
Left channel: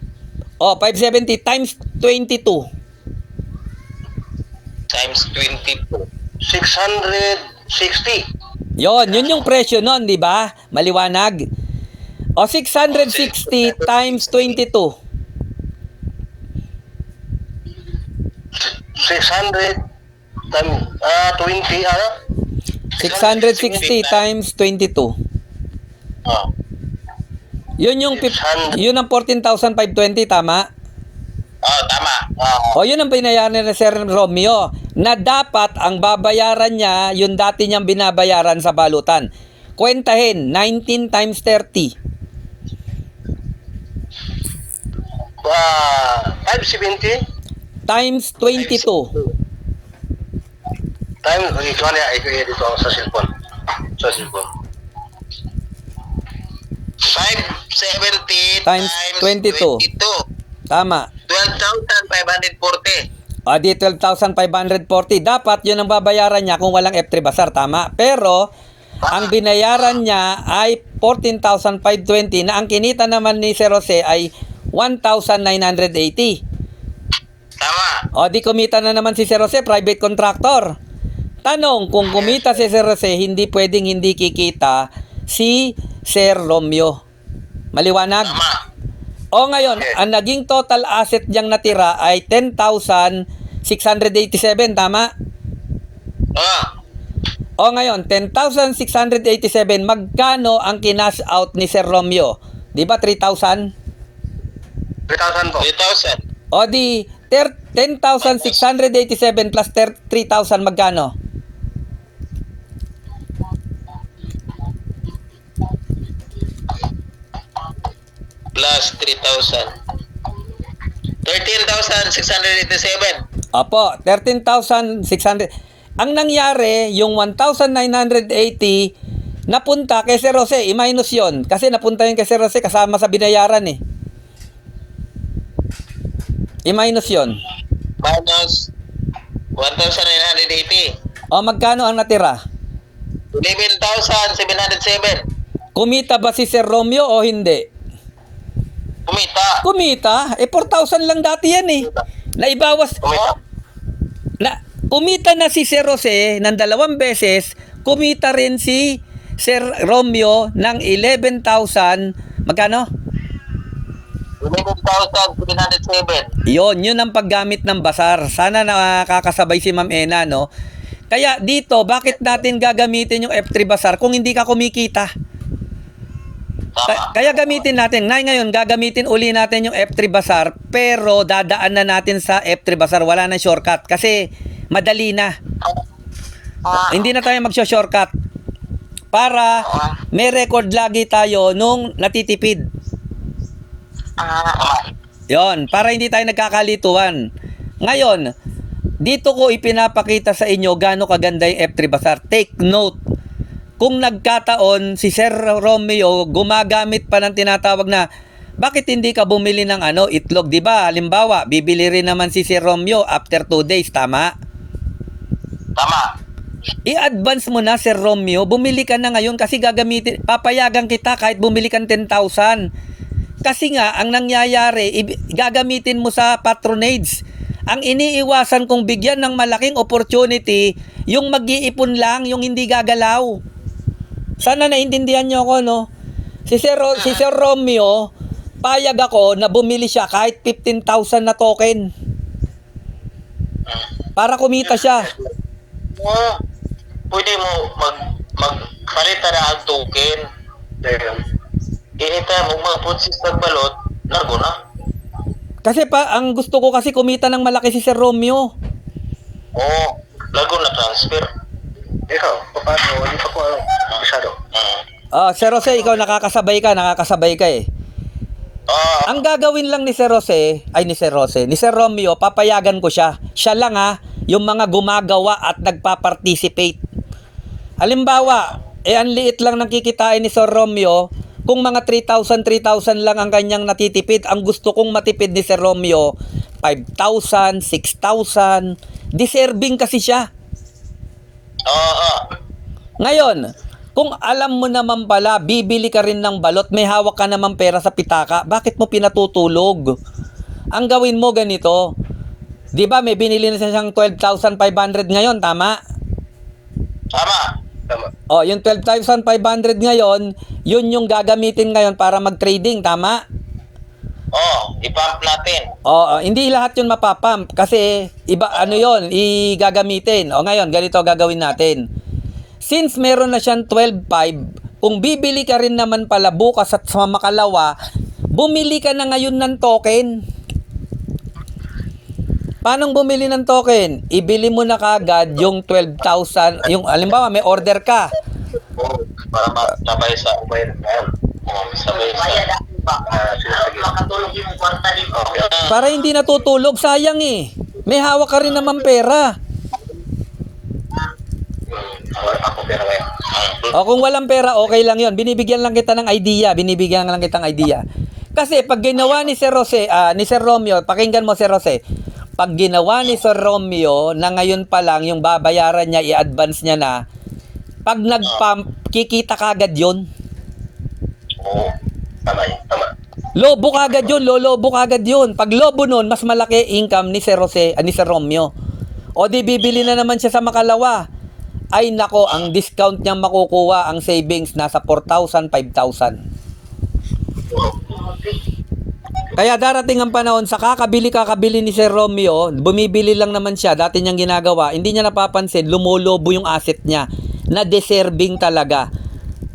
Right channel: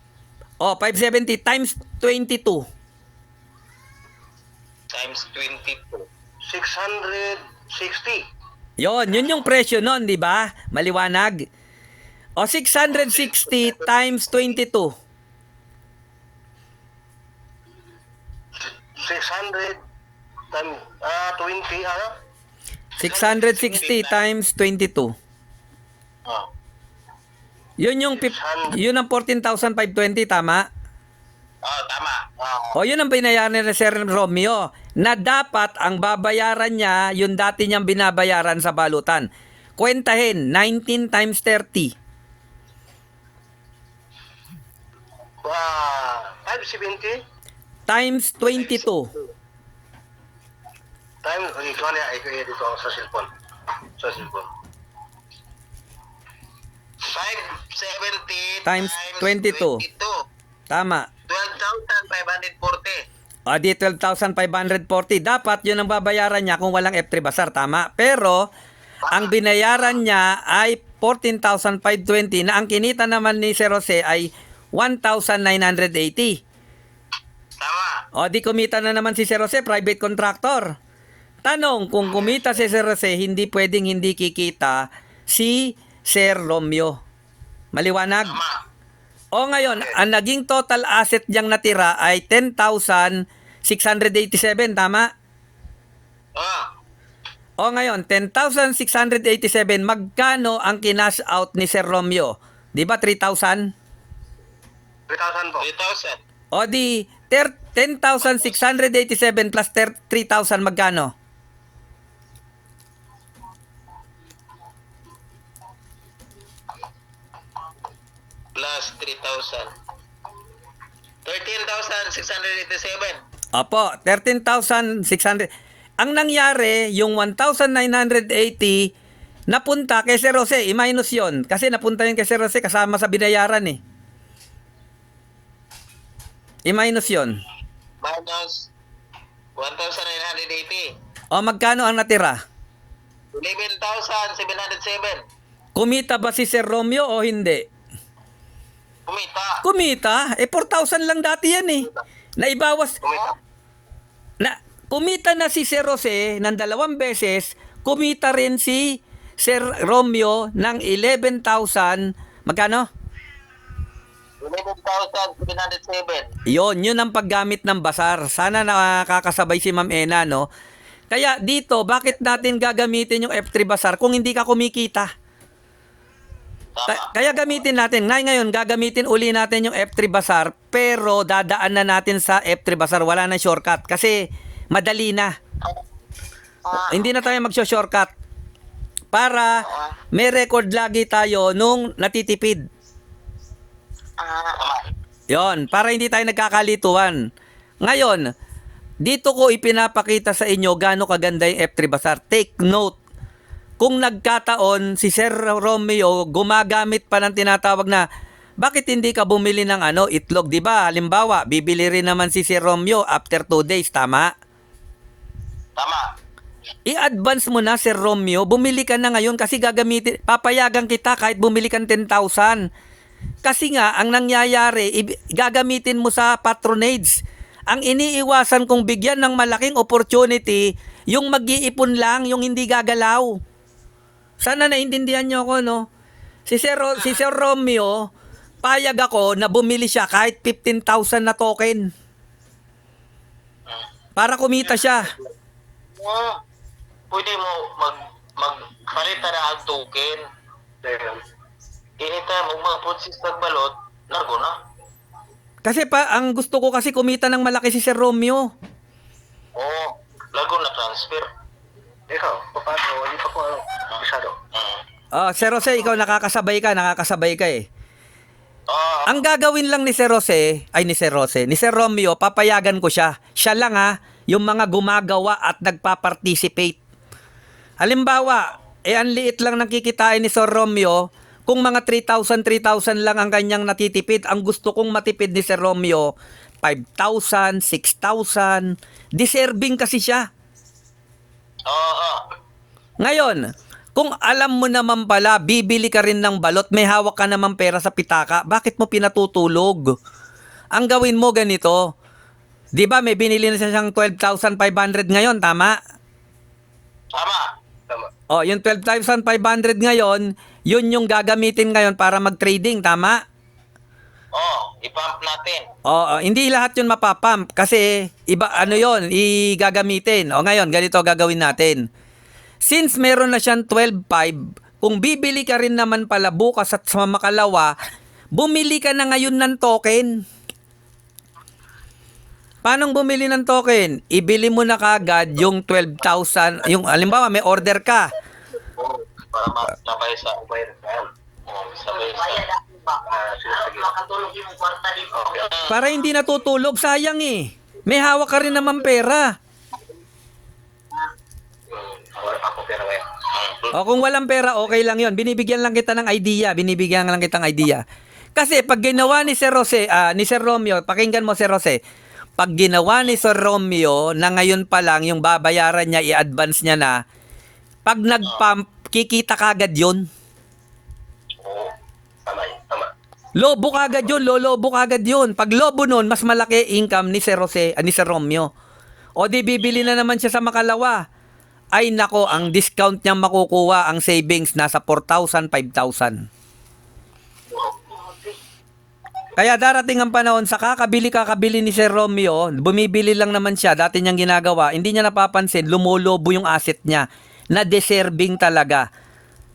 O, 570 times 22. Times 22. 660. Yun yung presyo nun, di ba? Maliwanag. O, 660 times 22. 600 times 20 ano? 660 times 22. Oh. Yun yung $600. yun ang 14,520, tama? Oh, tama. O yun ang binayaran ni Sir Romeo na dapat ang babayaran niya yung dati niyang binabayaran sa balutan. Kwentahin, 19 times 30. 570 Times 22. times ito na dito sa cellphone. Sa cellphone. 570 Times 22. Tama. 12,540. O di 12,540. Dapat yun ang babayaran niya kung walang F3 Basar. Tama. Pero, ang binayaran niya ay 14,520 na ang kinita naman ni Sir Jose ay 1,980. Tama. O di kumita na naman si Sir Jose, private contractor. Tanong, kung kumita si Sir Jose, hindi pwedeng hindi kikita si Sir Romeo. Maliwanag? Tama. O ngayon, ang naging total asset niyang natira ay 10,687, tama? O ngayon, 10,687, magkano ang kinash out ni Sir Romeo? Di ba 3,000? 3,000 po. 3,000. O di 10,687 plus 3,000 magkano? Plus 3,000. 13,687. Opo, 13,600. Ang nangyari, yung 1,980 napunta kay Sir Jose, i-minus yun. Kasi napunta yun kay Sir Jose kasama sa binayaran eh. I-minus yun. Minus 1,980. O magkano ang natira? 11,707. Kumita ba si Sir Romeo o hindi? Kumita. Kumita? Eh 4,000 lang dati yan eh. Naibawas. Kumita. Kumita na si Sir Jose ng 2 beses. Kumita rin si Sir Romeo ng 11,000. Magkano? 11,707. Yun ang paggamit ng basar. Sana nakakasabay si Ma'am Ena, no? Kaya dito, bakit natin gagamitin yung F3 basar kung hindi ka kumikita? Kaya gamitin natin. Ngayon, gagamitin uli natin yung F3 basar, pero dadaan na natin sa F3 basar. Wala na shortcut kasi madali na. Hindi na tayo magsho-shortcut. Para may record lagi tayo nung natitipid. Yon, para hindi tayo nagkakalituan. Ngayon, dito ko ipinapakita sa inyo gaano kaganda yung F3 Basar. Take note. Kung nagkataon si Sir Romeo gumagamit pa ng tinatawag na bakit hindi ka bumili ng itlog, 'di ba? Halimbawa, bibili rin naman si Sir Romeo after 2 days, tama? Tama. I-advance mo na, Sir Romeo. Bumili ka na ngayon kasi papayagan kita kahit bumili kang 10,000. Kasi nga, ang nangyayari, gagamitin mo sa patronage. Ang iniiwasan kong bigyan ng malaking opportunity, yung mag-iipon lang, yung hindi gagalaw. Sana naintindihan nyo ako, no? Si Sir Romeo, payag ako na bumili siya kahit 15,000 na token. Para kumita siya. Pwede mo magpalitan na ang token. Ayun. Anytime mo mag-process ng balot, nago na. Kasi ang gusto ko kasi kumita ng malaki si Sir Romeo. Oo, lago na transfer. Ikaw, paano? Hindi pa ko masyado. Sir Jose, ikaw nakakasabay ka eh. Ang gagawin lang ni Sir Romeo, papayagan ko siya. Siya lang yung mga gumagawa at nagpa-participate. Halimbawa, ang liit lang ng kikitain ni Sir Romeo, kung mga 3,000 lang ang kanyang natitipid, ang gusto kong matipid ni Sir Romeo, 5,000, 6,000, deserving kasi siya. Ngayon, kung alam mo naman pala, bibili ka rin ng balot, may hawak ka naman pera sa pitaka, bakit mo pinatutulog? Ang gawin mo ganito, di ba may binili na siyang 12,500 ngayon, tama? Tama. Yung 12,500 ngayon, yun yung gagamitin ngayon para mag-trading, tama? I-pump natin. Hindi lahat yun mapapump kasi iba igagamitin. Ngayon, ganito gagawin natin. Since meron na siyang 12,500, kung bibili ka rin naman pala bukas at sa makalawa, bumili ka na ngayon ng token. Paano bumili ng token? Ibili mo na kagad yung 12,000, yung halimbawa may order ka. Para sabay sa ubayad ngayon. Sabay sa... Makatulog yung kwarta dito. Para hindi natutulog, sayang eh. May hawak ka rin naman pera. Ako pera ngayon. Kung walang pera, okay lang yon. Binibigyan lang kita ng idea. Kasi pag ginawa ni Sir Romeo, pakinggan mo Sir Jose, pag ginawa ni Sir Romeo na ngayon pa lang yung babayaran niya, i-advance niya na, pag nag-pump, kikita kagad yun. Oo. Tama. Lolobo kagad yun. Pag lobo nun, mas malaki income ni Sir Romeo. O di bibili na naman siya sa makalawa. Ay nako, ang discount niyang makukuha, ang savings, nasa 4,000, 5,000. Kaya darating ang panahon sa kakabili ni Sir Romeo, bumibili lang naman siya, dati niyang ginagawa, hindi niya napapansin, lumolobo yung asset niya, na deserving talaga.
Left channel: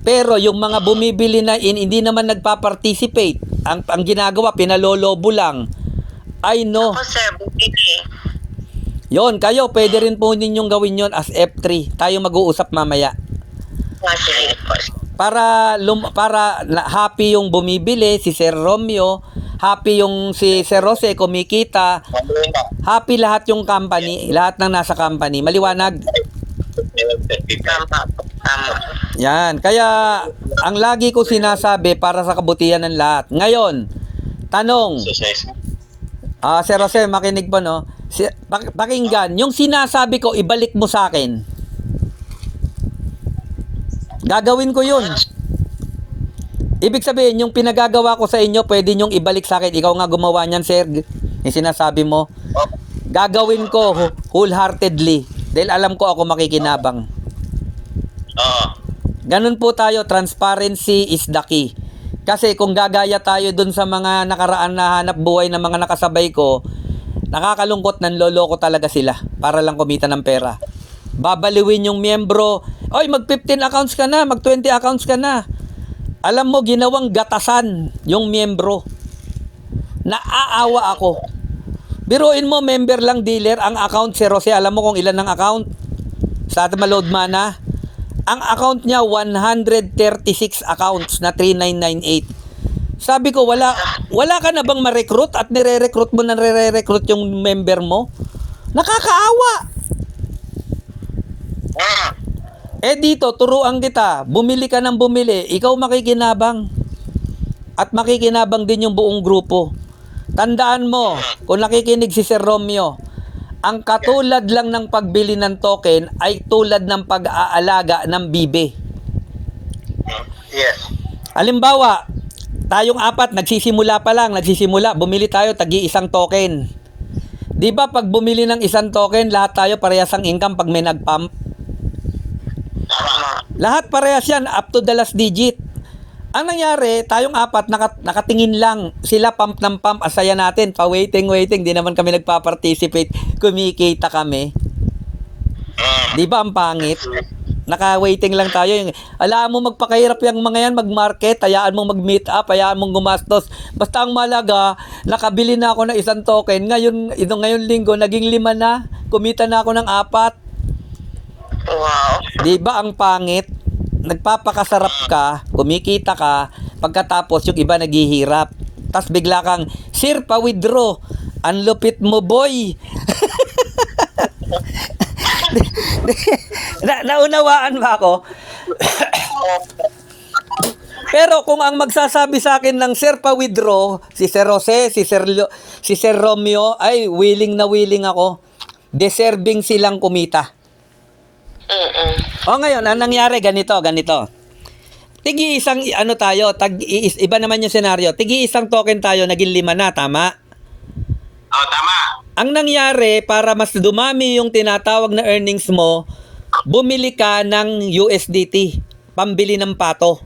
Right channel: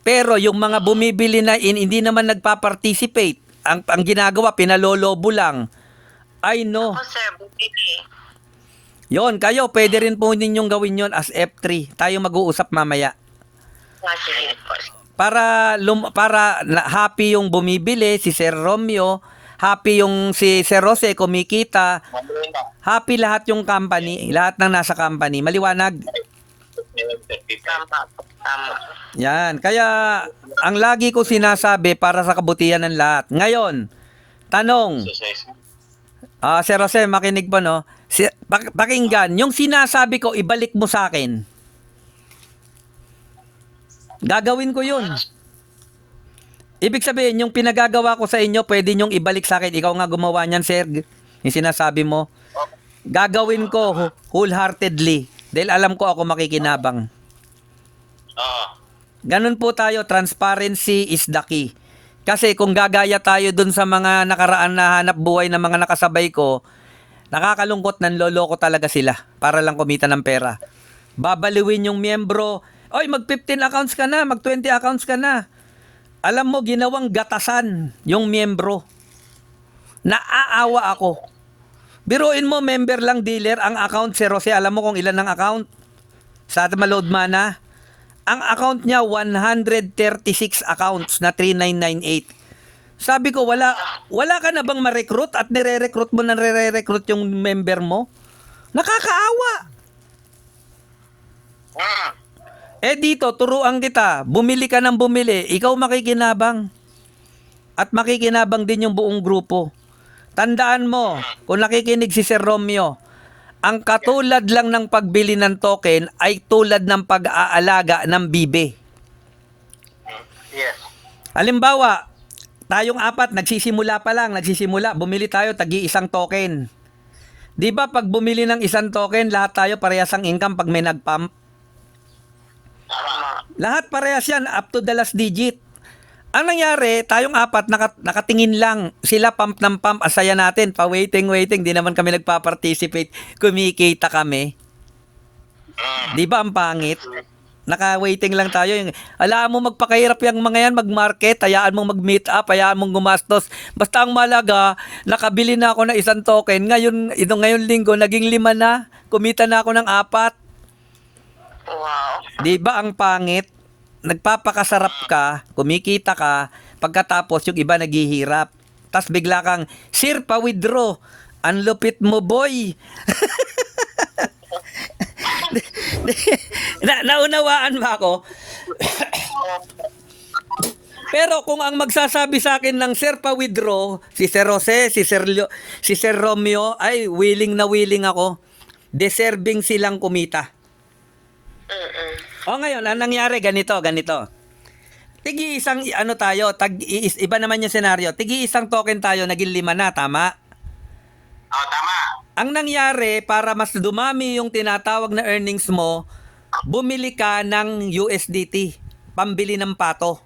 Pero yung mga bumibili na hindi naman nagpa-participate, ang ginagawa, pinalolobo lang. I know. Ako sir, bumili. Yon, kayo, pwede rin po ninyong gawin yon as F3. Tayo mag-uusap mamaya. Sige po. Para happy yung bumibili, si Sir Romeo, happy yung si Sir Jose kumikita, happy lahat yung company, lahat ng nasa company. Maliwanag? Tama. Yan. Kaya, ang lagi ko sinasabi para sa kabutihan ng lahat. Ngayon, tanong, Sir Jose, makinig po, no? Pakinggan, yung sinasabi ko, ibalik mo sa akin. Gagawin ko yun. Ibig sabihin, yung pinagagawa ko sa inyo, pwede nyong ibalik sa akin. Ikaw nga gumawa niyan, sir. Yung sinasabi mo. Gagawin ko wholeheartedly. Dahil alam ko ako makikinabang. Ganun po tayo. Transparency is the key. Kasi kung gagaya tayo dun sa mga nakaraan na hanap buhay ng mga nakasabay ko, nakakalungkot, nanloloko talaga sila para lang kumita ng pera. Babaliwin yung miyembro. Oy, mag 15 accounts ka na, mag 20 accounts ka na. Alam mo, ginawang gatasan yung miyembro. Naaawa ako. Biruin mo, member lang dealer, ang account, Sir Jose, alam mo kung ilan ang account? Sa Maload Mana, ang account niya, 136 accounts na 3998. Sabi ko, wala ka na bang ma-recruit at nire-recruit mo na nire-recruit yung member mo? Nakakaawa. Dito, turuan kita, bumili ka ng bumili, ikaw makikinabang. At makikinabang din yung buong grupo. Tandaan mo, kung nakikinig si Sir Romeo, ang katulad lang ng pagbili ng token ay tulad ng pag-aalaga ng bibe. Yes. Halimbawa, tayong apat, nagsisimula, bumili tayo, tagi-isang token. Di ba pag bumili ng isang token, lahat tayo parehas ang income pag may nag-pump? Lahat parehas yan, up to the last digit. Ang nangyari, tayong apat, nakatingin lang. Sila pump ng pump, asaya natin. Pa-waiting. Di naman kami nagpa-participate. Kumikita kami. Di ba ang pangit? Naka-waiting lang tayo. Alam mo, magpakahirap yung mga yan, mag-market, hayaan mong mag-meet up, hayaan mong gumastos. Basta ang malaga, nakabili na ako ng isang token. Ngayon linggo, naging 5 na. Kumita na ako ng 4. Wow. Di ba ang pangit? Nagpapakasarap ka, kumikita ka, pagkatapos yung iba naghihirap. Tapos bigla kang, sir, pa-withdraw. Ang lupit mo, boy. Naunawaan ba ako? Pero kung ang magsasabi sa akin ng sir pa-withdraw, si Sir Jose, si Sir Romeo, ay willing na willing ako. Deserving silang kumita. O ngayon, ang nangyari, ganito. Tigi-isang, iba naman yung senaryo. Tigi-isang token tayo, naging 5 na, tama? Oh, tama. Ang nangyari, para mas dumami yung tinatawag na earnings mo, bumili ka ng USDT, pambili ng pato.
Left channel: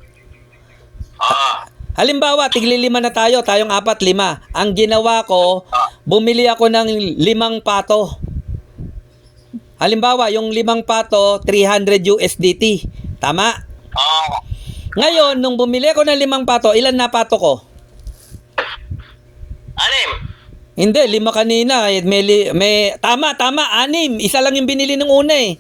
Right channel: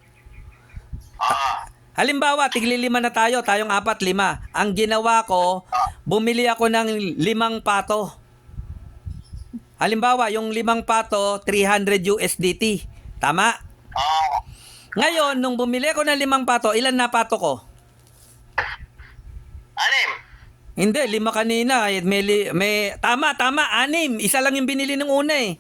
Halimbawa, tigli 5 na tayo, tayong 4, 5. Ang ginawa ko, bumili ako ng 5 pato. Halimbawa, yung 5 pato, 300 USDT. Tama? Ngayon, nung bumili ako ng 5 pato, ilan na pato ko? 6. Hindi, 5 kanina. Tama, 6. Isa lang yung binili nung una eh.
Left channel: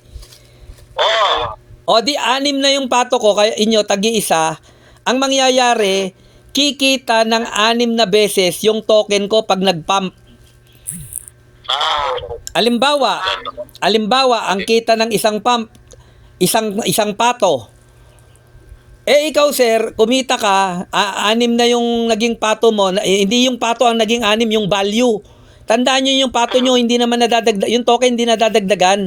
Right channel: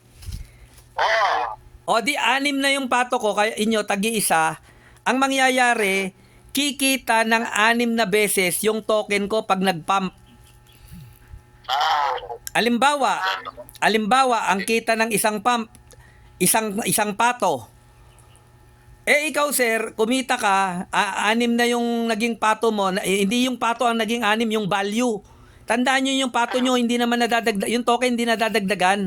O di 6 na yung pato ko, kaya inyo, tagi-isa. Ang mangyayari, kikita ng 6 na beses yung token ko pag nag-pump. Alimbawa, ang kita ng isang pump, isang pato. Ikaw, sir, kumita ka, 6 na yung naging pato mo, hindi yung pato ang naging 6, yung value. Tandaan nyo yung pato nyo, hindi naman nadadagdag, yung token hindi nadadagdagan.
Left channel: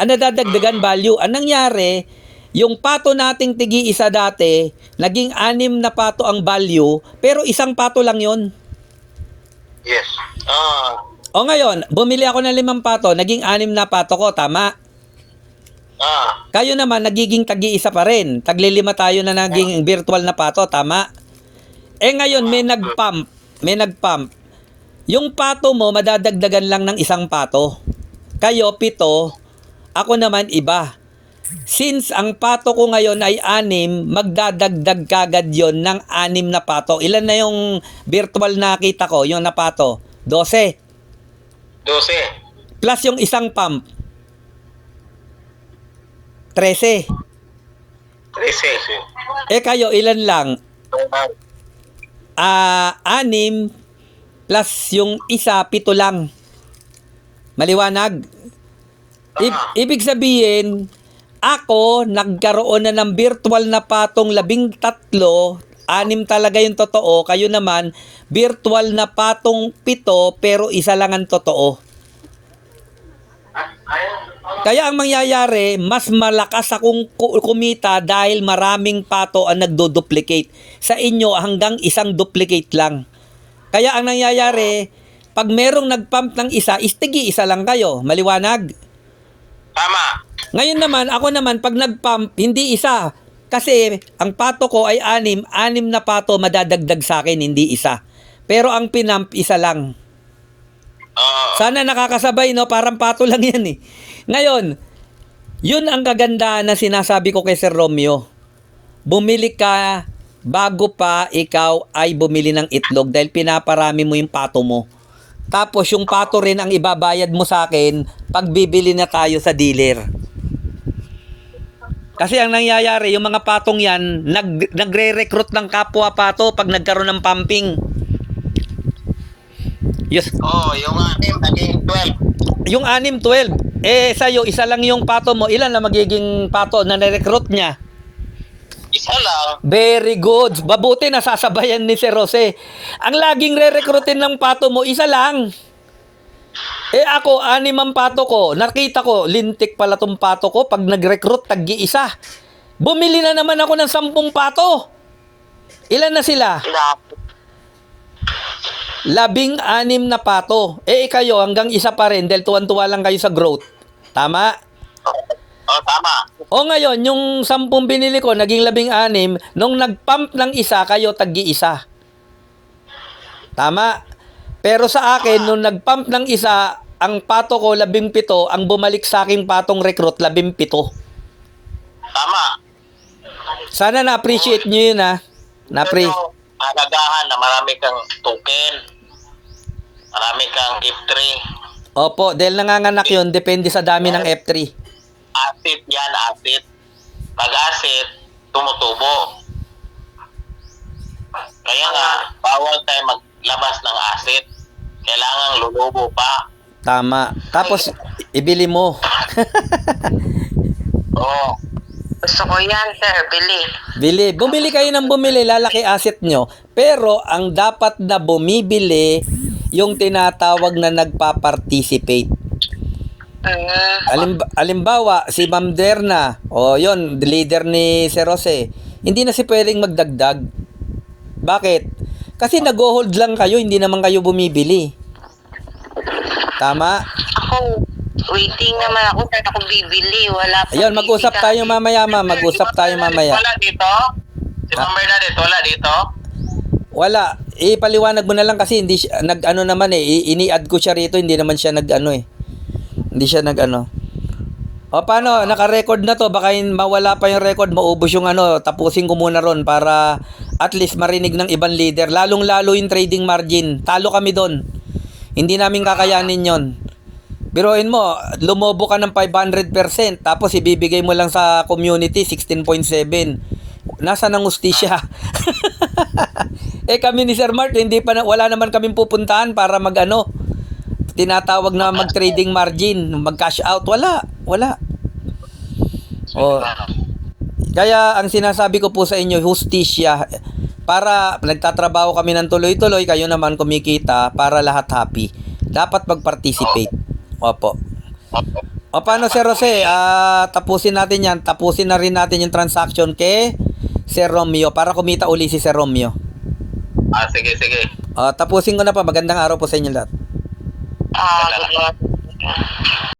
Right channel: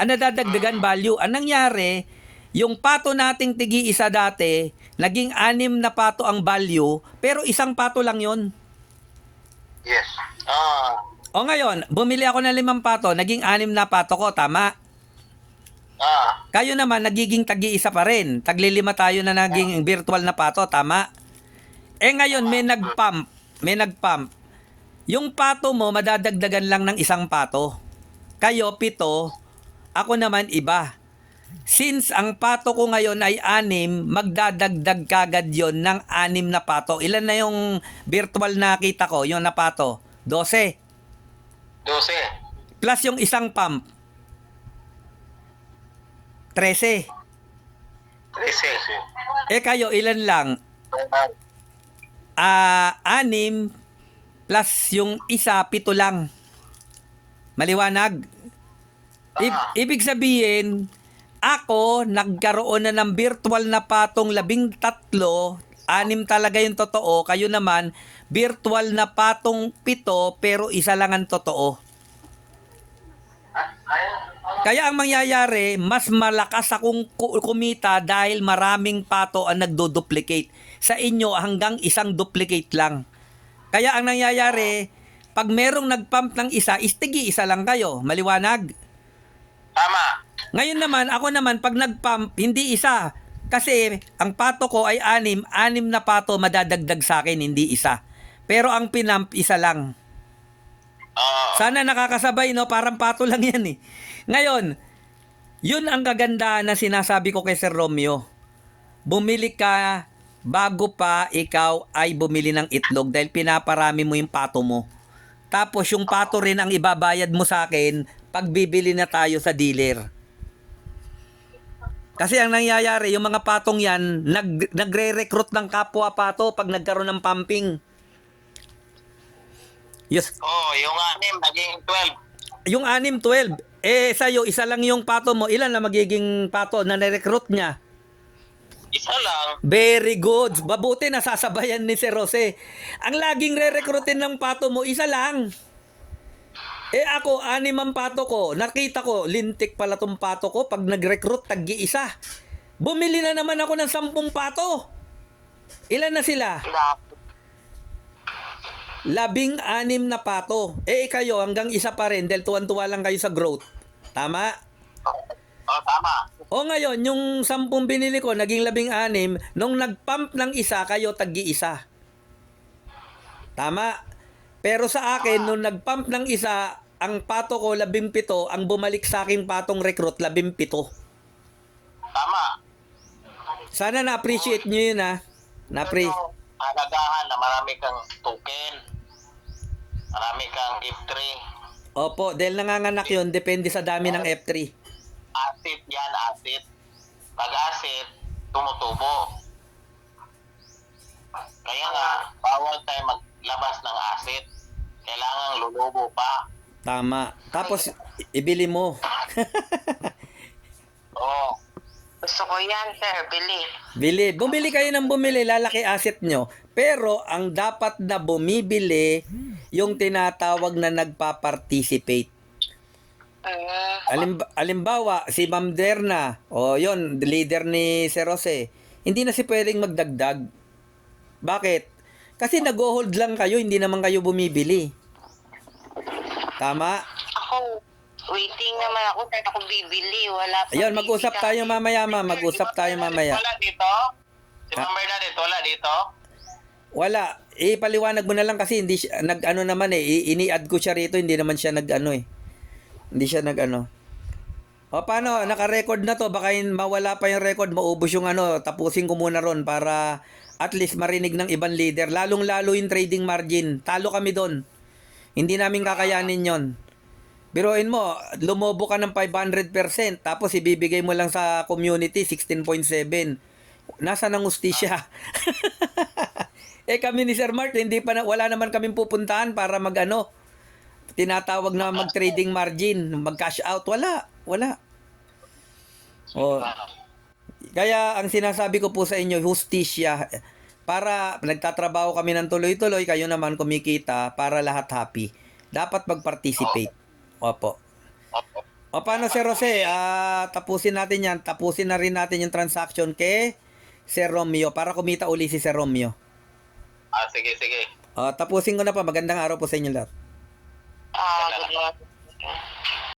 Ang nadadagdagan value. Ang nangyari, yung pato nating tigi-isa dati, naging 6 na pato ang value, pero isang pato lang yon. Yes. O ngayon, bumili ako ng 5 pato, naging 6 na pato ko, tama? Kayo naman, nagiging tagi-isa pa rin. Tagli-5 tayo na naging virtual na pato, tama? Ngayon, may nag-pump. Yung pato mo, madadagdagan lang ng isang pato. Kayo, 7. Ako naman, iba. Since ang pato ko ngayon ay 6, magdadagdag kagad yon ng 6 na pato. Ilan na yung virtual na kita ko, yung na pato? 12. 12. Plus yung isang pump. 13. 13. Kayo, ilan lang? 6 plus yung isa, 7 lang. Maliwanag? Ibig sabihin, ako, nagkaroon na ng virtual na patong 13, 6 talaga yung totoo. Kayo naman, virtual na patong 7, pero isa lang ang totoo. Kaya ang mangyayari, mas malakas akong kumita dahil maraming pato ang nagdo-duplicate. Sa inyo, hanggang isang duplicate lang. Kaya ang nangyayari, pag merong nag-pump ng isa, istigi-isa lang kayo. Maliwanag? Tama. Ngayon naman, ako naman, pag nag-pump, hindi isa. Kasi ang pato ko ay 6 na pato madadagdag sa akin, hindi isa. Pero ang pinump, isa lang. Sana nakakasabay, no? Parang pato lang yan eh. Ngayon, yun ang kagandahan na sinasabi ko kay Sir Romeo. Bumili ka bago pa ikaw ay bumili ng itlog dahil pinaparami mo yung pato mo. Tapos yung pato rin ang ibabayad mo sa akin pag bibili na tayo sa dealer. Kasi ang nangyayari, yung mga patong yan, nagre-recruit ng kapwa pato pag nagkaroon ng pumping. Yes. Yung 6 naging 12. Yung 6, 12. Sa'yo, isa lang yung pato mo. Ilan na magiging pato na na-recruit niya? Isa lang. Very good. Mabuti nasasabayan ni Sir Jose. Ang laging re-recruitin ng pato mo, isa lang. Ako, 6 ang pato ko. Nakita ko, lintik pala tong pato ko. Pag nag-recruit, tagi-isa. Bumili na naman ako ng 10 pato. Ilan na sila? 16 na pato. Kayo, hanggang isa pa rin dahil tuwan-tuwa lang kayo sa growth. Tama? Oh, tama. O ngayon, yung 10 binili ko, naging 16, nung nag-pump ng isa, kayo tag-iisa. Tama? Pero sa akin, nung nag-pump ng isa, ang pato ko 17, ang bumalik sa aking patong recruit 17. Tama. Sana na-appreciate nyo yun, ha? Ito, alagahan na marami kang token, marami kang F3. Opo, dahil nanganganak yun, depende sa dami ng F3. Asset yan, asset. Pag asset, tumutubo. Kaya nga, bawal tayo maglabas ng asset. Kailangan lulubo pa. Tama. Tapos, ibili mo. Oo. Gusto ko yan, sir. Bili. Bumili kayo ng bumili, lalaki asset nyo. Pero, ang dapat na bumibili, yung tinatawag na nagpa-participate. Alimbawa, si Ma'am Derna, o yon leader ni Sir Jose, hindi na si pwedeng magdagdag. Bakit? Kasi nag-hold lang kayo, hindi naman kayo bumibili. Tama? Ako, waiting naman ako. Saan ako bibili? Wala pa. Ayun, mag-usap tayo mamaya, ma'am. Mag-usap tayo mamaya. Wala dito? Si Ma'am Bernadette, wala dito? Wala. Ipaliwanag mo na lang kasi hindi siya, nag-ano naman ini-add ko siya rito, hindi naman siya nag-ano eh. Hindi siya nag-ano. O paano, naka-record na to, baka mawala pa yung record, maubos yung ano, tapusin ko muna ron para at least marinig ng ibang leader. Lalong-lalo yung trading margin. Talo kami doon. Hindi namin kakayanin yon. Biruin mo, lumobo ka ng 500%, tapos ibibigay mo lang sa community 16.7. Nasa nang ustisya? Kami ni Sir Mart, wala naman kaming pupuntahan para mag-ano, tinatawag na mag-trading margin, mag-cash out, wala. O, kaya ang sinasabi ko po sa inyo, hustisya, para nagtatrabaho kami ng tuloy-tuloy, kayo naman kumikita para lahat happy. Dapat mag-participate. Opo. O paano, Sir Jose? Tapusin natin yan. Tapusin na rin natin yung transaction kay Sir Romeo para kumita uli si Sir Romeo. Sige. Tapusin ko na pa. Magandang araw po sa inyo lahat. Good morning.